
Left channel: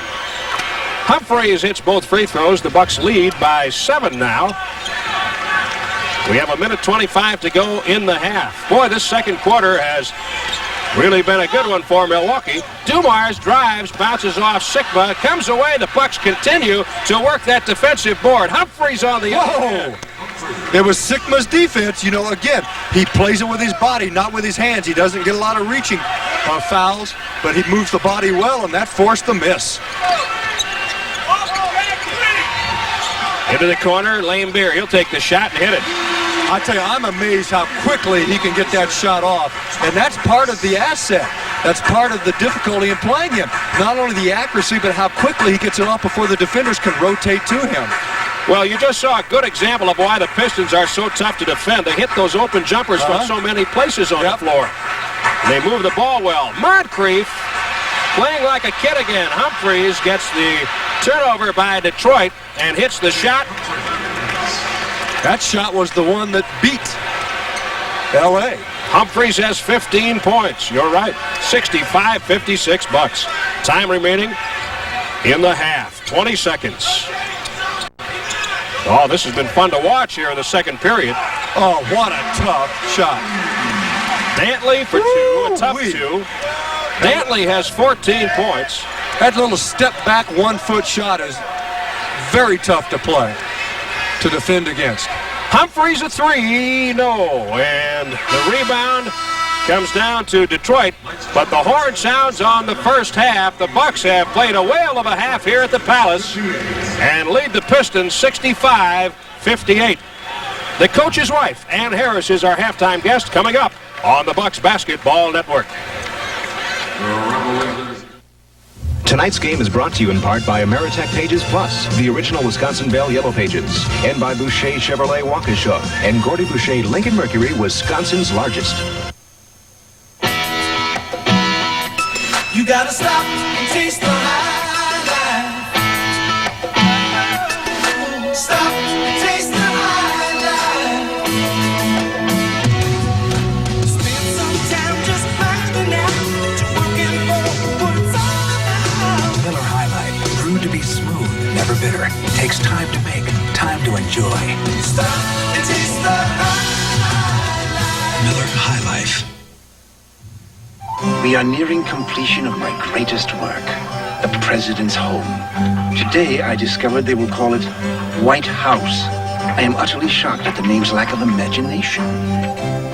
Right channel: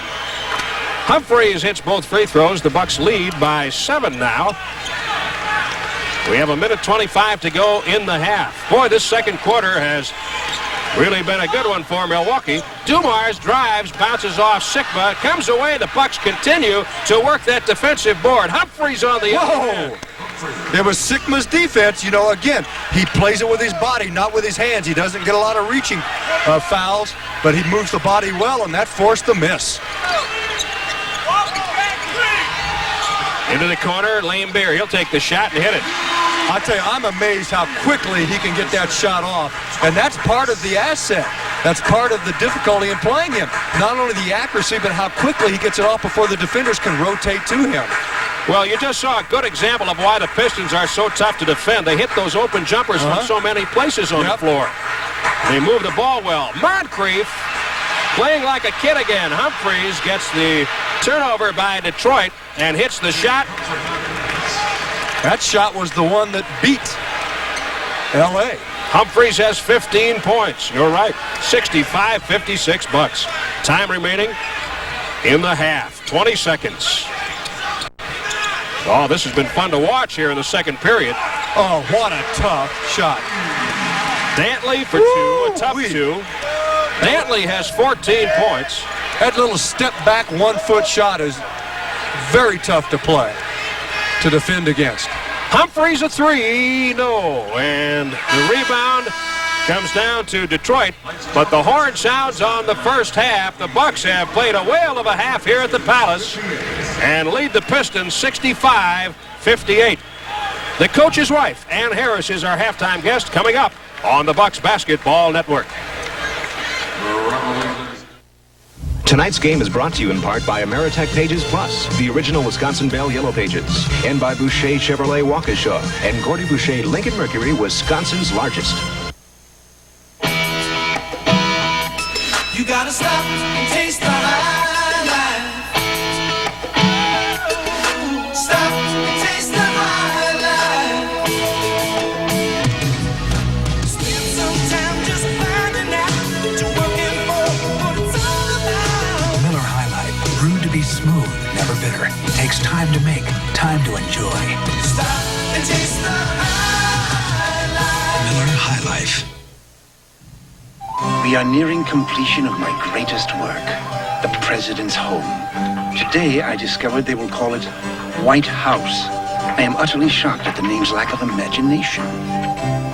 Humphreys hits both free throws. The Bucks lead by 7 now. We have 1:25 to go in the half. Boy, this second quarter has really been a good one for Milwaukee. Dumars drives, bounces off Sikma, comes away. The Bucks continue to work that defensive board. Humphreys on the other end. It was Sikma's defense. You know, again, he plays it with his body, not with his hands. He doesn't get a lot of reaching fouls, but he moves the body well, and that forced the miss. Into the corner, Lane Beer. He'll take the shot and hit it. I tell you, I'm amazed how quickly he can get that shot off. And that's part of the asset. That's part of the difficulty in playing him. Not only the accuracy, but how quickly he gets it off before the defenders can rotate to him. Well, you just saw a good example of why the Pistons are so tough to defend. They hit those open jumpers from so many places on the floor. They move the ball well. Moncrief playing like a kid again. Humphreys gets the turnover by Detroit and hits the shot. That shot was the one that beat L.A. Humphreys has 15 points. You're right. 65-56 Bucks. Time remaining in the half. 20 seconds. Oh, this has been fun to watch here in the second period. Oh, what a tough shot. Dantley for two, a tough two. Dantley has 14 points. That little step back 1-foot shot is very tough to play, to defend against. Humphreys a three, no. And the rebound comes down to Detroit, but the horn sounds on the first half. The Bucks have played a whale of a half here at the Palace and lead the Pistons 65-58. The coach's wife, Ann Harris, is our halftime guest coming up on the Bucks Basketball Network. Tonight's game is brought to you in part by Ameritech Pages Plus, the original Wisconsin Bell Yellow Pages, and by Boucher Chevrolet Waukesha and Gordy Boucher Lincoln Mercury, Wisconsin's largest. You gotta stop and taste the high life. Stop and taste the high life. Spend some time just finding out that you're working for what it's all about. Miller High Life, brewed to be smooth, never bitter. Takes time to make, time to enjoy. Stop and taste the high life. Miller High Life. We are nearing completion of my greatest work, the President's Home. Today, I discovered they will call it White House. I am utterly shocked at the name's lack of imagination.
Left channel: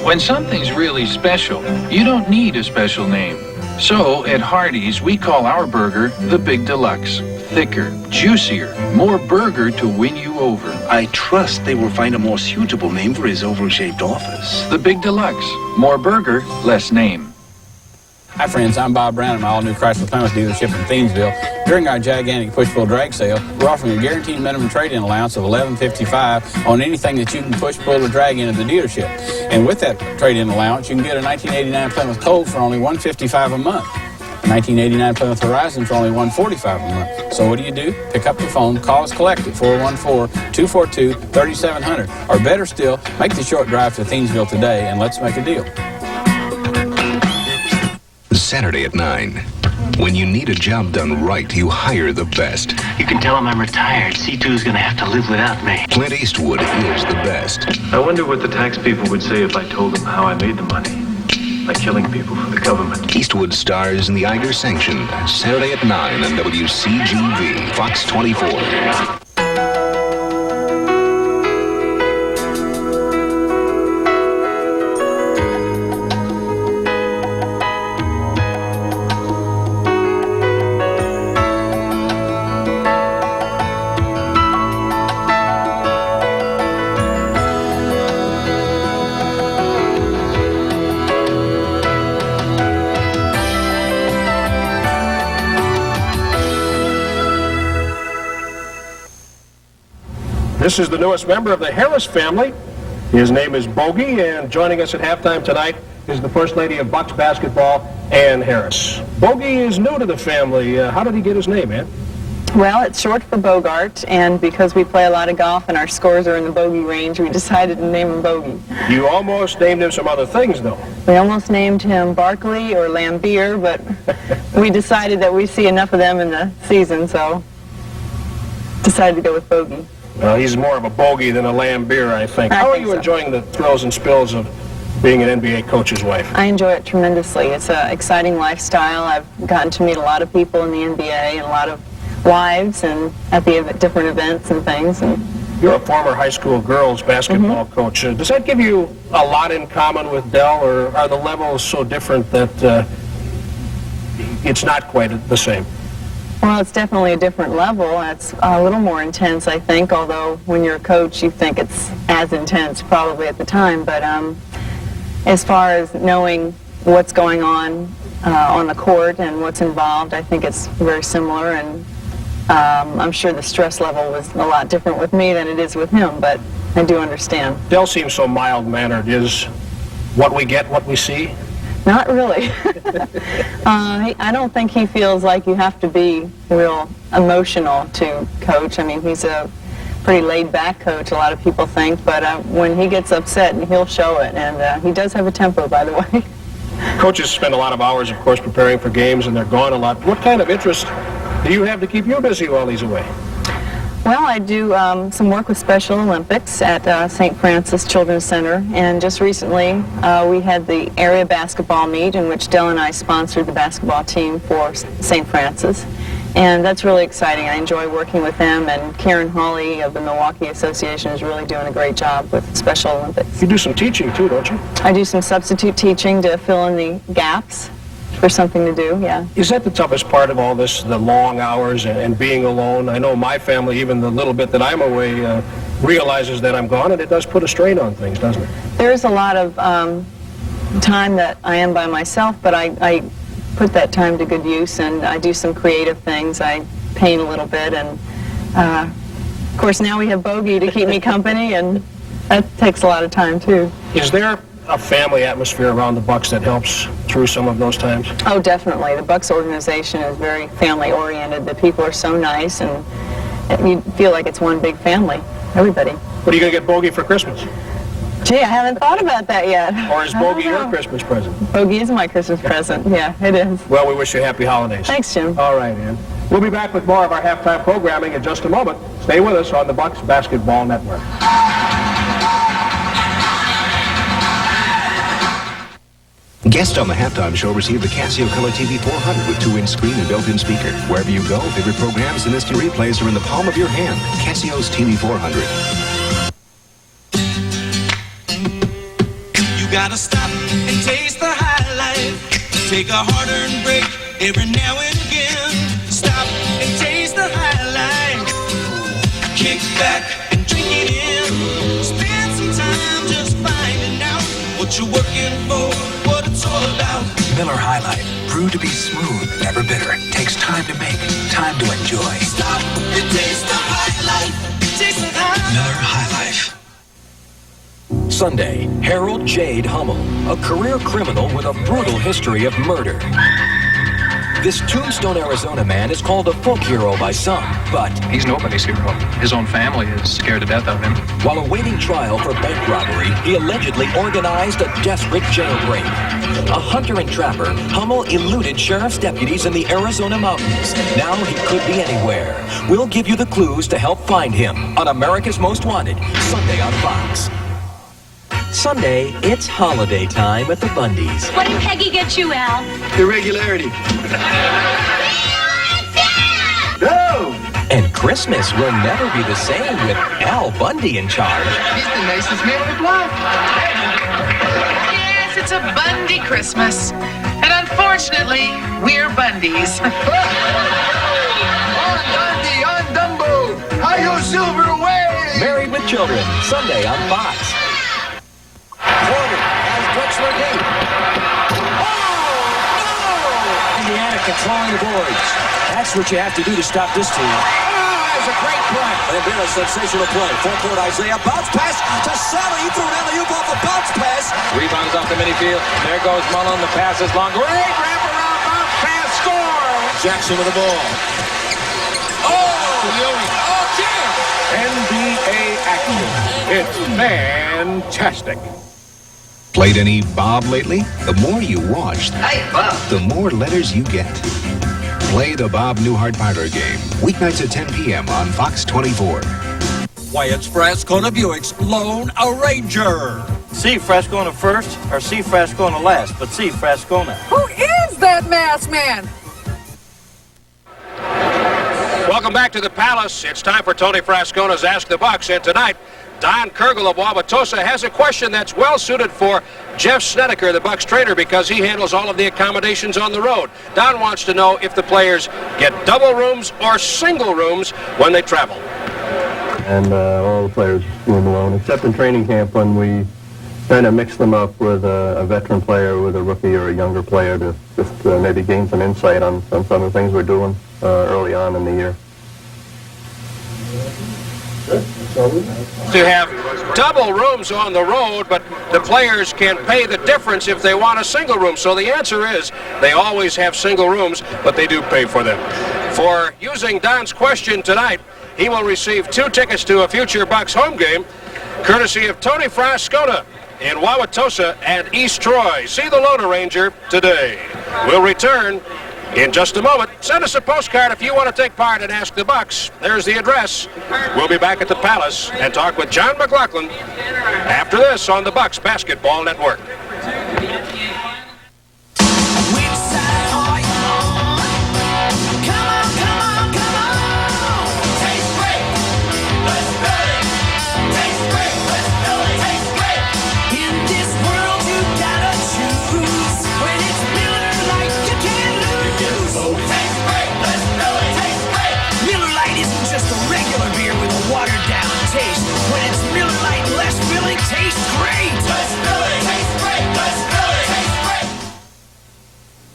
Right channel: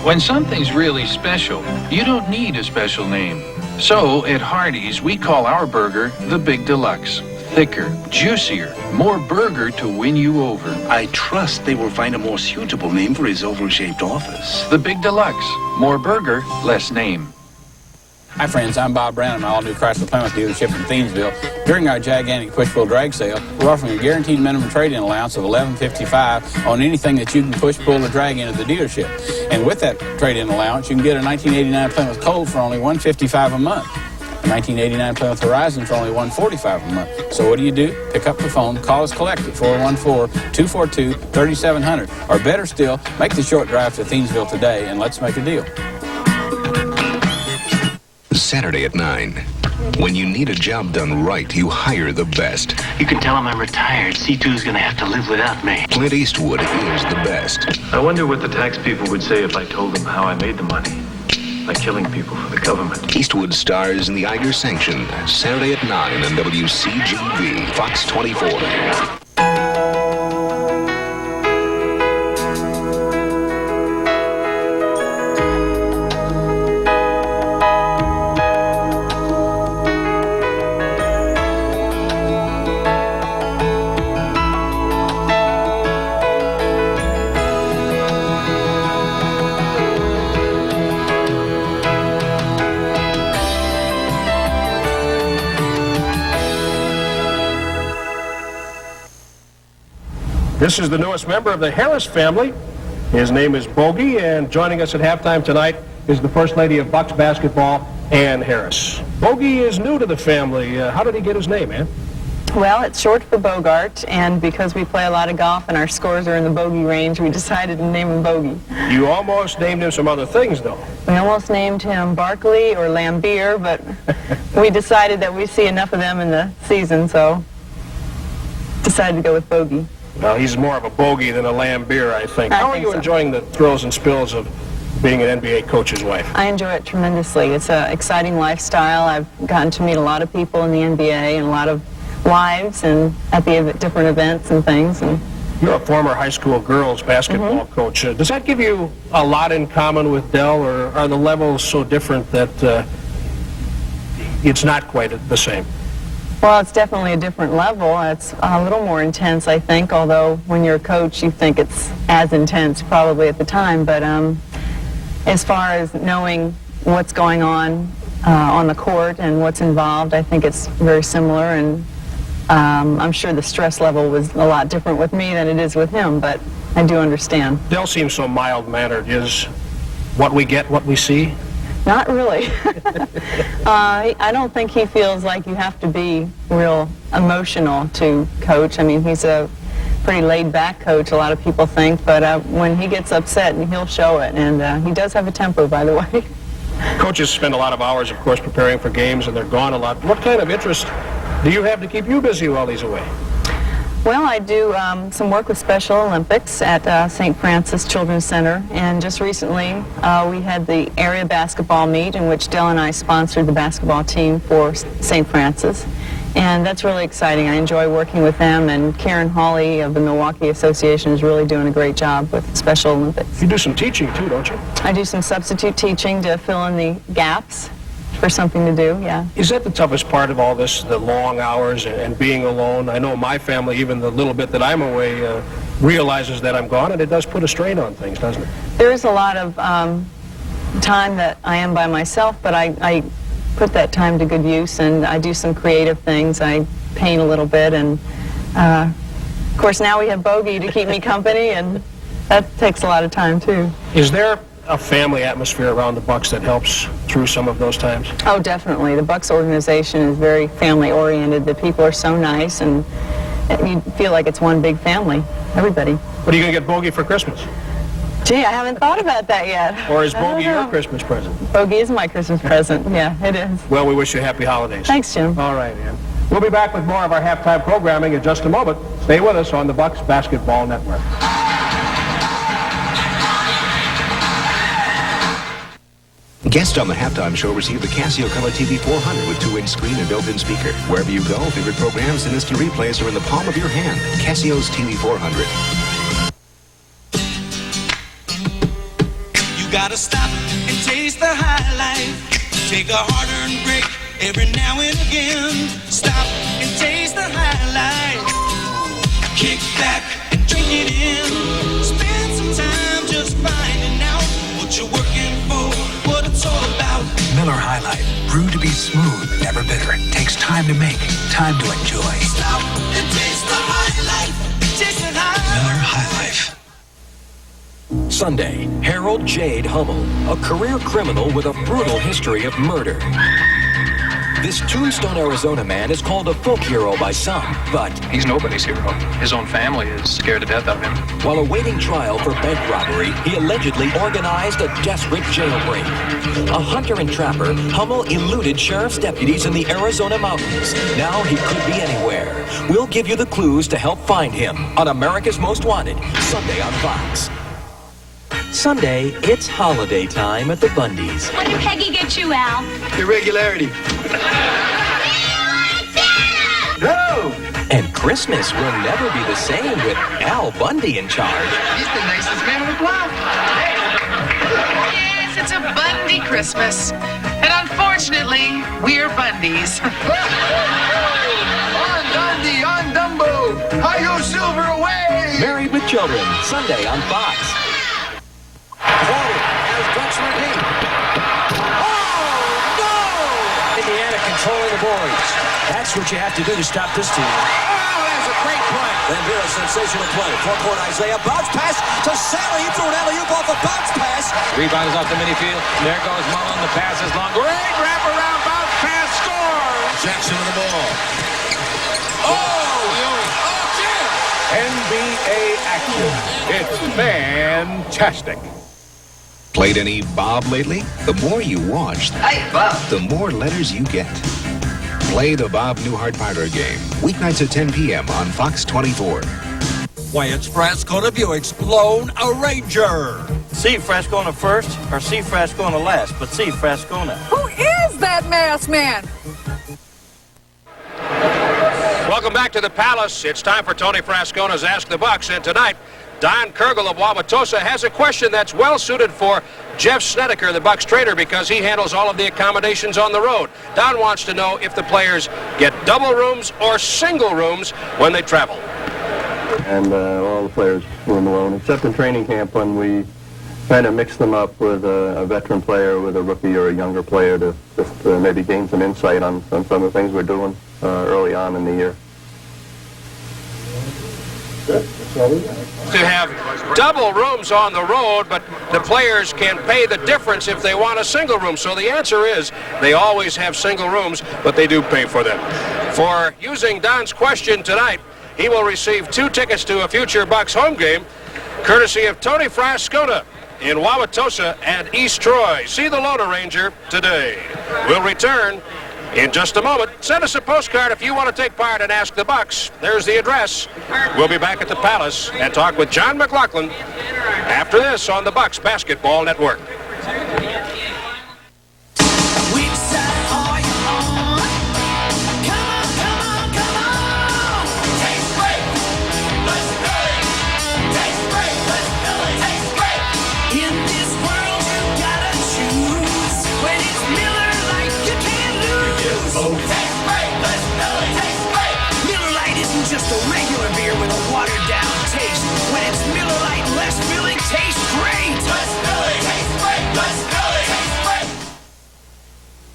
When something's really special, you don't need a special name. So, at Hardee's, we call our burger the Big Deluxe. Thicker, juicier, more burger to win you over. I trust they will find a more suitable name for his oval-shaped office. The Big Deluxe. More burger, less name. Hi friends, I'm Bob Brown at my all-new Chrysler Plymouth dealership in Thiensville. During our gigantic push-pull drag sale, we're offering a guaranteed minimum trade-in allowance of $11.55 on anything that you can push-pull or drag into the dealership. And with that trade-in allowance, you can get a 1989 Plymouth Colt for only $155 a month. A 1989 Plymouth Horizon for only $145 a month. So what do? Pick up the phone, call us collect at 414-242-3700. Or better still, make the short drive to Thiensville today and let's make a deal. Saturday at 9. When you need a job done right, you hire the best. You can tell him I'm retired. C2's going to have to live without me. Clint Eastwood is the best. I wonder what the tax people would say if I told them how I made the money. Like killing people for the government. Eastwood stars in the Iger Sanction. Saturday at 9 on WCGV, Fox 24. This is the newest member of the Harris family. His name is Bogey, and joining us at halftime tonight is the First Lady of Bucks basketball, Ann Harris. Bogey is new to the family. How did he get his name, Ann? Well, it's short for Bogart, and because we play a lot of golf and our scores are in the bogey range, we decided to name him Bogey. You almost named him some other things, though. We almost named him Barkley or Lambier, but we decided that we see enough of them in the season, so decided to go with Bogey. Well, he's more of a bogey than a Lambier, I think. How are you enjoying the thrills and spills of being an NBA coach's wife? I enjoy it tremendously. It's an exciting lifestyle. I've gotten to meet a lot of people in the NBA and a lot of wives and at the different events and things. And you're a former high school girls basketball coach. Does that give you a lot in common with Dell, or are the levels so different that it's not quite the same? Well, it's definitely a different level. It's a little more intense, I think, although when you're a coach, you think it's as intense probably at the time. But as far as knowing what's going on the court and what's involved, I think it's very similar, and I'm sure the stress level was a lot different with me than it is with him, but I do understand. Dell seems so mild-mannered. Is what we get what we see? Not really. I don't think he feels like you have to be real emotional to coach. I mean, he's a pretty laid-back coach, a lot of people think, but when he gets upset, he'll show it, and he does have a temper, by the way. Coaches spend a lot of hours, of course, preparing for games, and they're gone a lot. What kind of interest do you have to keep you busy while he's away? Well, I do some work with Special Olympics at St. Francis Children's Center, and just recently we had the area basketball meet in which Dell and I sponsored the basketball team for St. Francis, and that's really exciting. I enjoy working with them, and Karen Hawley of the Milwaukee Association is really doing a great job with Special Olympics. You do some teaching too, don't you? I do some substitute teaching to fill in the gaps for something to do, yeah. Is that the toughest part of all this, the long hours and being alone? I know my family, even the little bit that I'm away, realizes that I'm gone, and it does put a strain on things, doesn't it? There is a lot of time that I am by myself, but I put that time to good use, and I do some creative things. I paint a little bit, and of course now we have Bogey to keep me company, and that takes a lot of time too. Is there a family atmosphere around the Bucks that helps through some of those times? Oh, definitely. The Bucks organization is very family-oriented. The people are so nice, and you feel like it's one big family, everybody. What are you going to get Bogey for Christmas? Gee, I haven't thought about that yet. Or is Bogey your Christmas present? Bogey is my Christmas present, yeah, it is. Well, we wish you happy holidays. Thanks, Jim. All right, Ann. We'll be back with more of our halftime programming in just a moment. Stay with us on the Bucks Basketball Network. Guests on the halftime show receive the Casio Color TV 400 with 2-inch screen and built-in speaker. Wherever you go, favorite programs and instant replays are in the palm of your hand. Casio's TV 400. You gotta stop and taste the high life. Take a hard-earned break every now and again. Stop and taste the high life. Kick back and drink it in. Spend some time just finding out what you're working for. All about. Miller High Life, brewed to be smooth, never bitter. Takes time to make, time to enjoy. Stop and taste the high life. Taste the high. Miller High Life. Sunday, Harold Jade Hummel, a career criminal with a brutal history of murder. This Tombstone, Arizona man is called a folk hero by some, but he's nobody's hero. His own family is scared to death of him. While awaiting trial for bank robbery, he allegedly organized a desperate jailbreak. A hunter and trapper, Hummel eluded sheriff's deputies in the Arizona mountains. Now he could be anywhere. We'll give you the clues to help find him on America's Most Wanted, Sunday on Fox. Sunday, it's holiday time at the Bundys. What did Peggy get you, Al? Irregularity. No! And Christmas will never be the same with Al Bundy in charge. He's the nicest man on the block. Yes, it's a Bundy Christmas. And unfortunately, we're Bundys. On Dundee, on Dumbo. How you silver away? Married with Children, Sunday on Fox. Porter has Drexler deep. Oh, no! Indiana controlling the boards. That's what you have to do to stop this team. Oh, that's a great play. Lambert, sensational play. Forecourt Isaiah, bounce pass to Sally. He threw an alley-oop off a bounce pass. Rebound is off the mini-field. There goes Mullen. The pass is long. Great wraparound bounce pass. Score! Jackson with the ball. Oh! NBA action. It's fantastic. Played any Bob lately? The more you watch, the more letters you get. Play the Bob Newhart Parlor game, weeknights at 10 p.m. on Fox 24. Why, it's Frascona Buick's Lone Ranger. See Frascona first or see Frascona last, but see Frascona. Who is that masked man? Welcome back to the Palace. It's time for Tony Frascona's Ask the Bucks, and tonight, Don Kergel of Wauwatosa has a question that's well suited for Jeff Snedeker, the Bucks trainer, because he handles all of the accommodations on the road. Don wants to know if the players get double rooms or single rooms when they travel. And all the players room alone, except in training camp when we kind of mix them up with a veteran player, with a rookie or a younger player to just maybe gain some insight on some of the things we're doing early on in the year. To have double rooms on the road, but the players can pay the difference if they want a single room. So the answer is they always have single rooms, but they do pay for them. For using Don's question tonight, he will receive 2 tickets to a future Bucks home game, courtesy of Tony Frascona in Wauwatosa and East Troy. See the Lone Ranger today. We'll return in just a moment. Send us a postcard if you want to take part and Ask the Bucks. There's the address. We'll be back at the Palace and talk with John McLaughlin after this on the Bucks Basketball Network.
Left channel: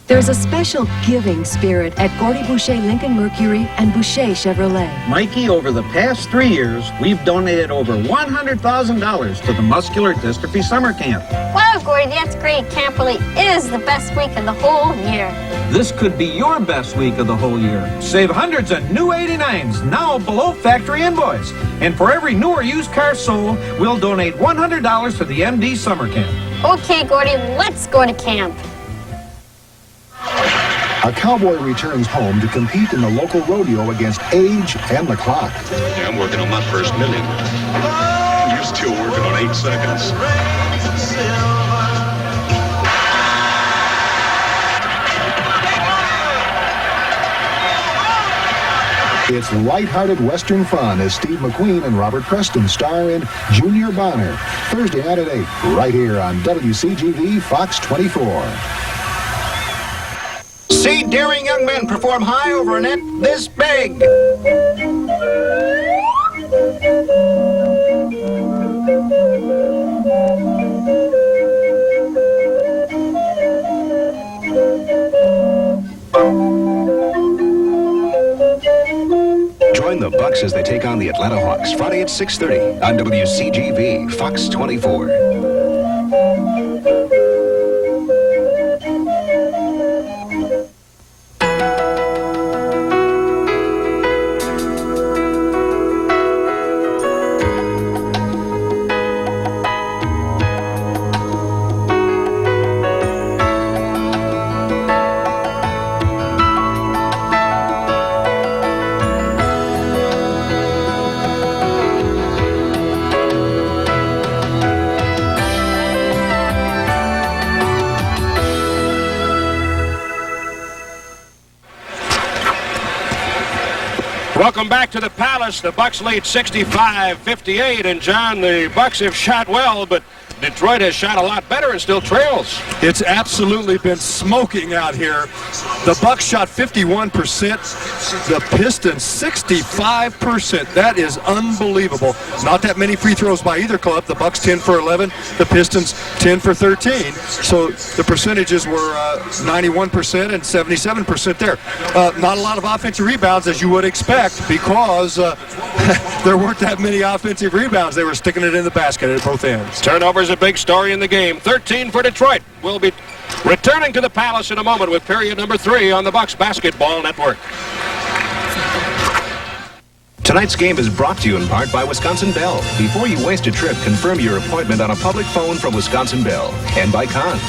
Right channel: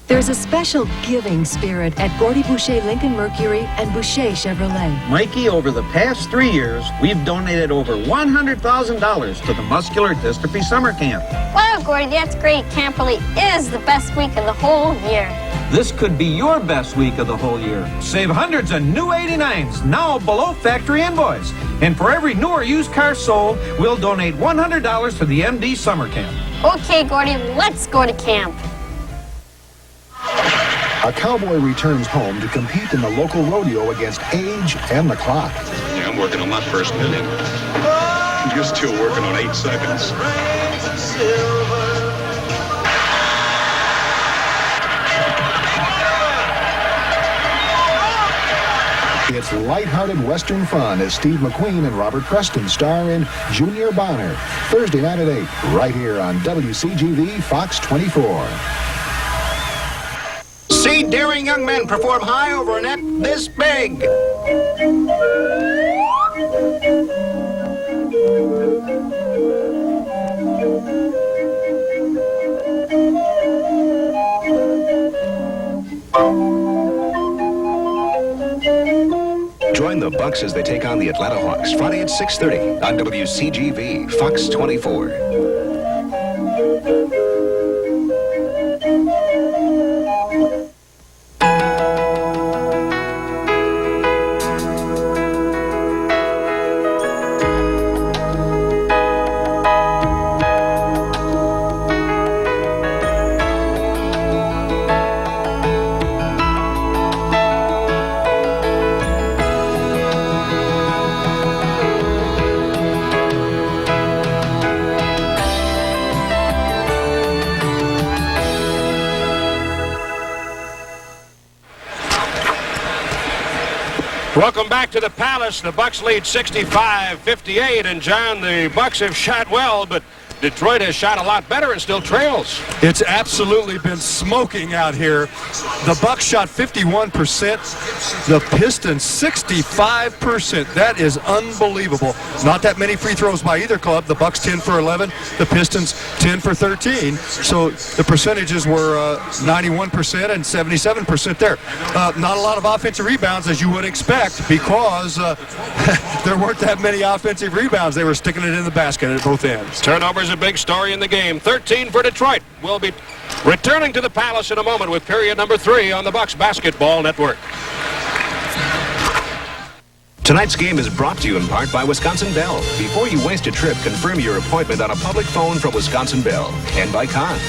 There's a special giving spirit at Gordy Boucher Lincoln Mercury and Boucher Chevrolet. Mikey, over the past 3 years, we've donated over $100,000 to the Muscular Dystrophy Summer Camp. Wow, Gordy, that's great. Camp really is the best week of the whole year. This could be your best week of the whole year. Save hundreds of new 89s, now below factory invoice. And for every new or used car sold, we'll donate $100 to the MD Summer Camp. Okay, Gordy, let's go to camp. A cowboy returns home to compete in the local rodeo against age and the clock. Yeah, I'm working on my first million. You're still working on 8 seconds. It's lighthearted Western fun as Steve McQueen and Robert Preston star in Junior Bonner. Thursday night at 8, right here on WCGV Fox 24. See daring young men perform high over a net this big. Join the Bucks as they take on the Atlanta Hawks Friday at 6:30 on WCGV Fox 24. Welcome back to the Palace. The Bucks lead 65-58, and John, the Bucks have shot well, but Detroit has shot a lot better and still trails. It's absolutely been smoking out here. The Bucks shot 51%. The Pistons 65%. That is unbelievable. Not that many free throws by either club. The Bucks 10 for 11. The Pistons 10 for 13. So the percentages were 91% and 77% there. Not a lot of offensive rebounds, as you would expect, because there weren't that many offensive rebounds. They were sticking it in the basket at both ends. Turnovers a big story in the game. 13 for Detroit. We'll be returning to the Palace in a moment with period number 3 on the Bucks Basketball Network. Tonight's game is brought to you in part by Wisconsin Bell. Before you waste a trip, confirm your appointment on a public phone from Wisconsin Bell. And by Cons.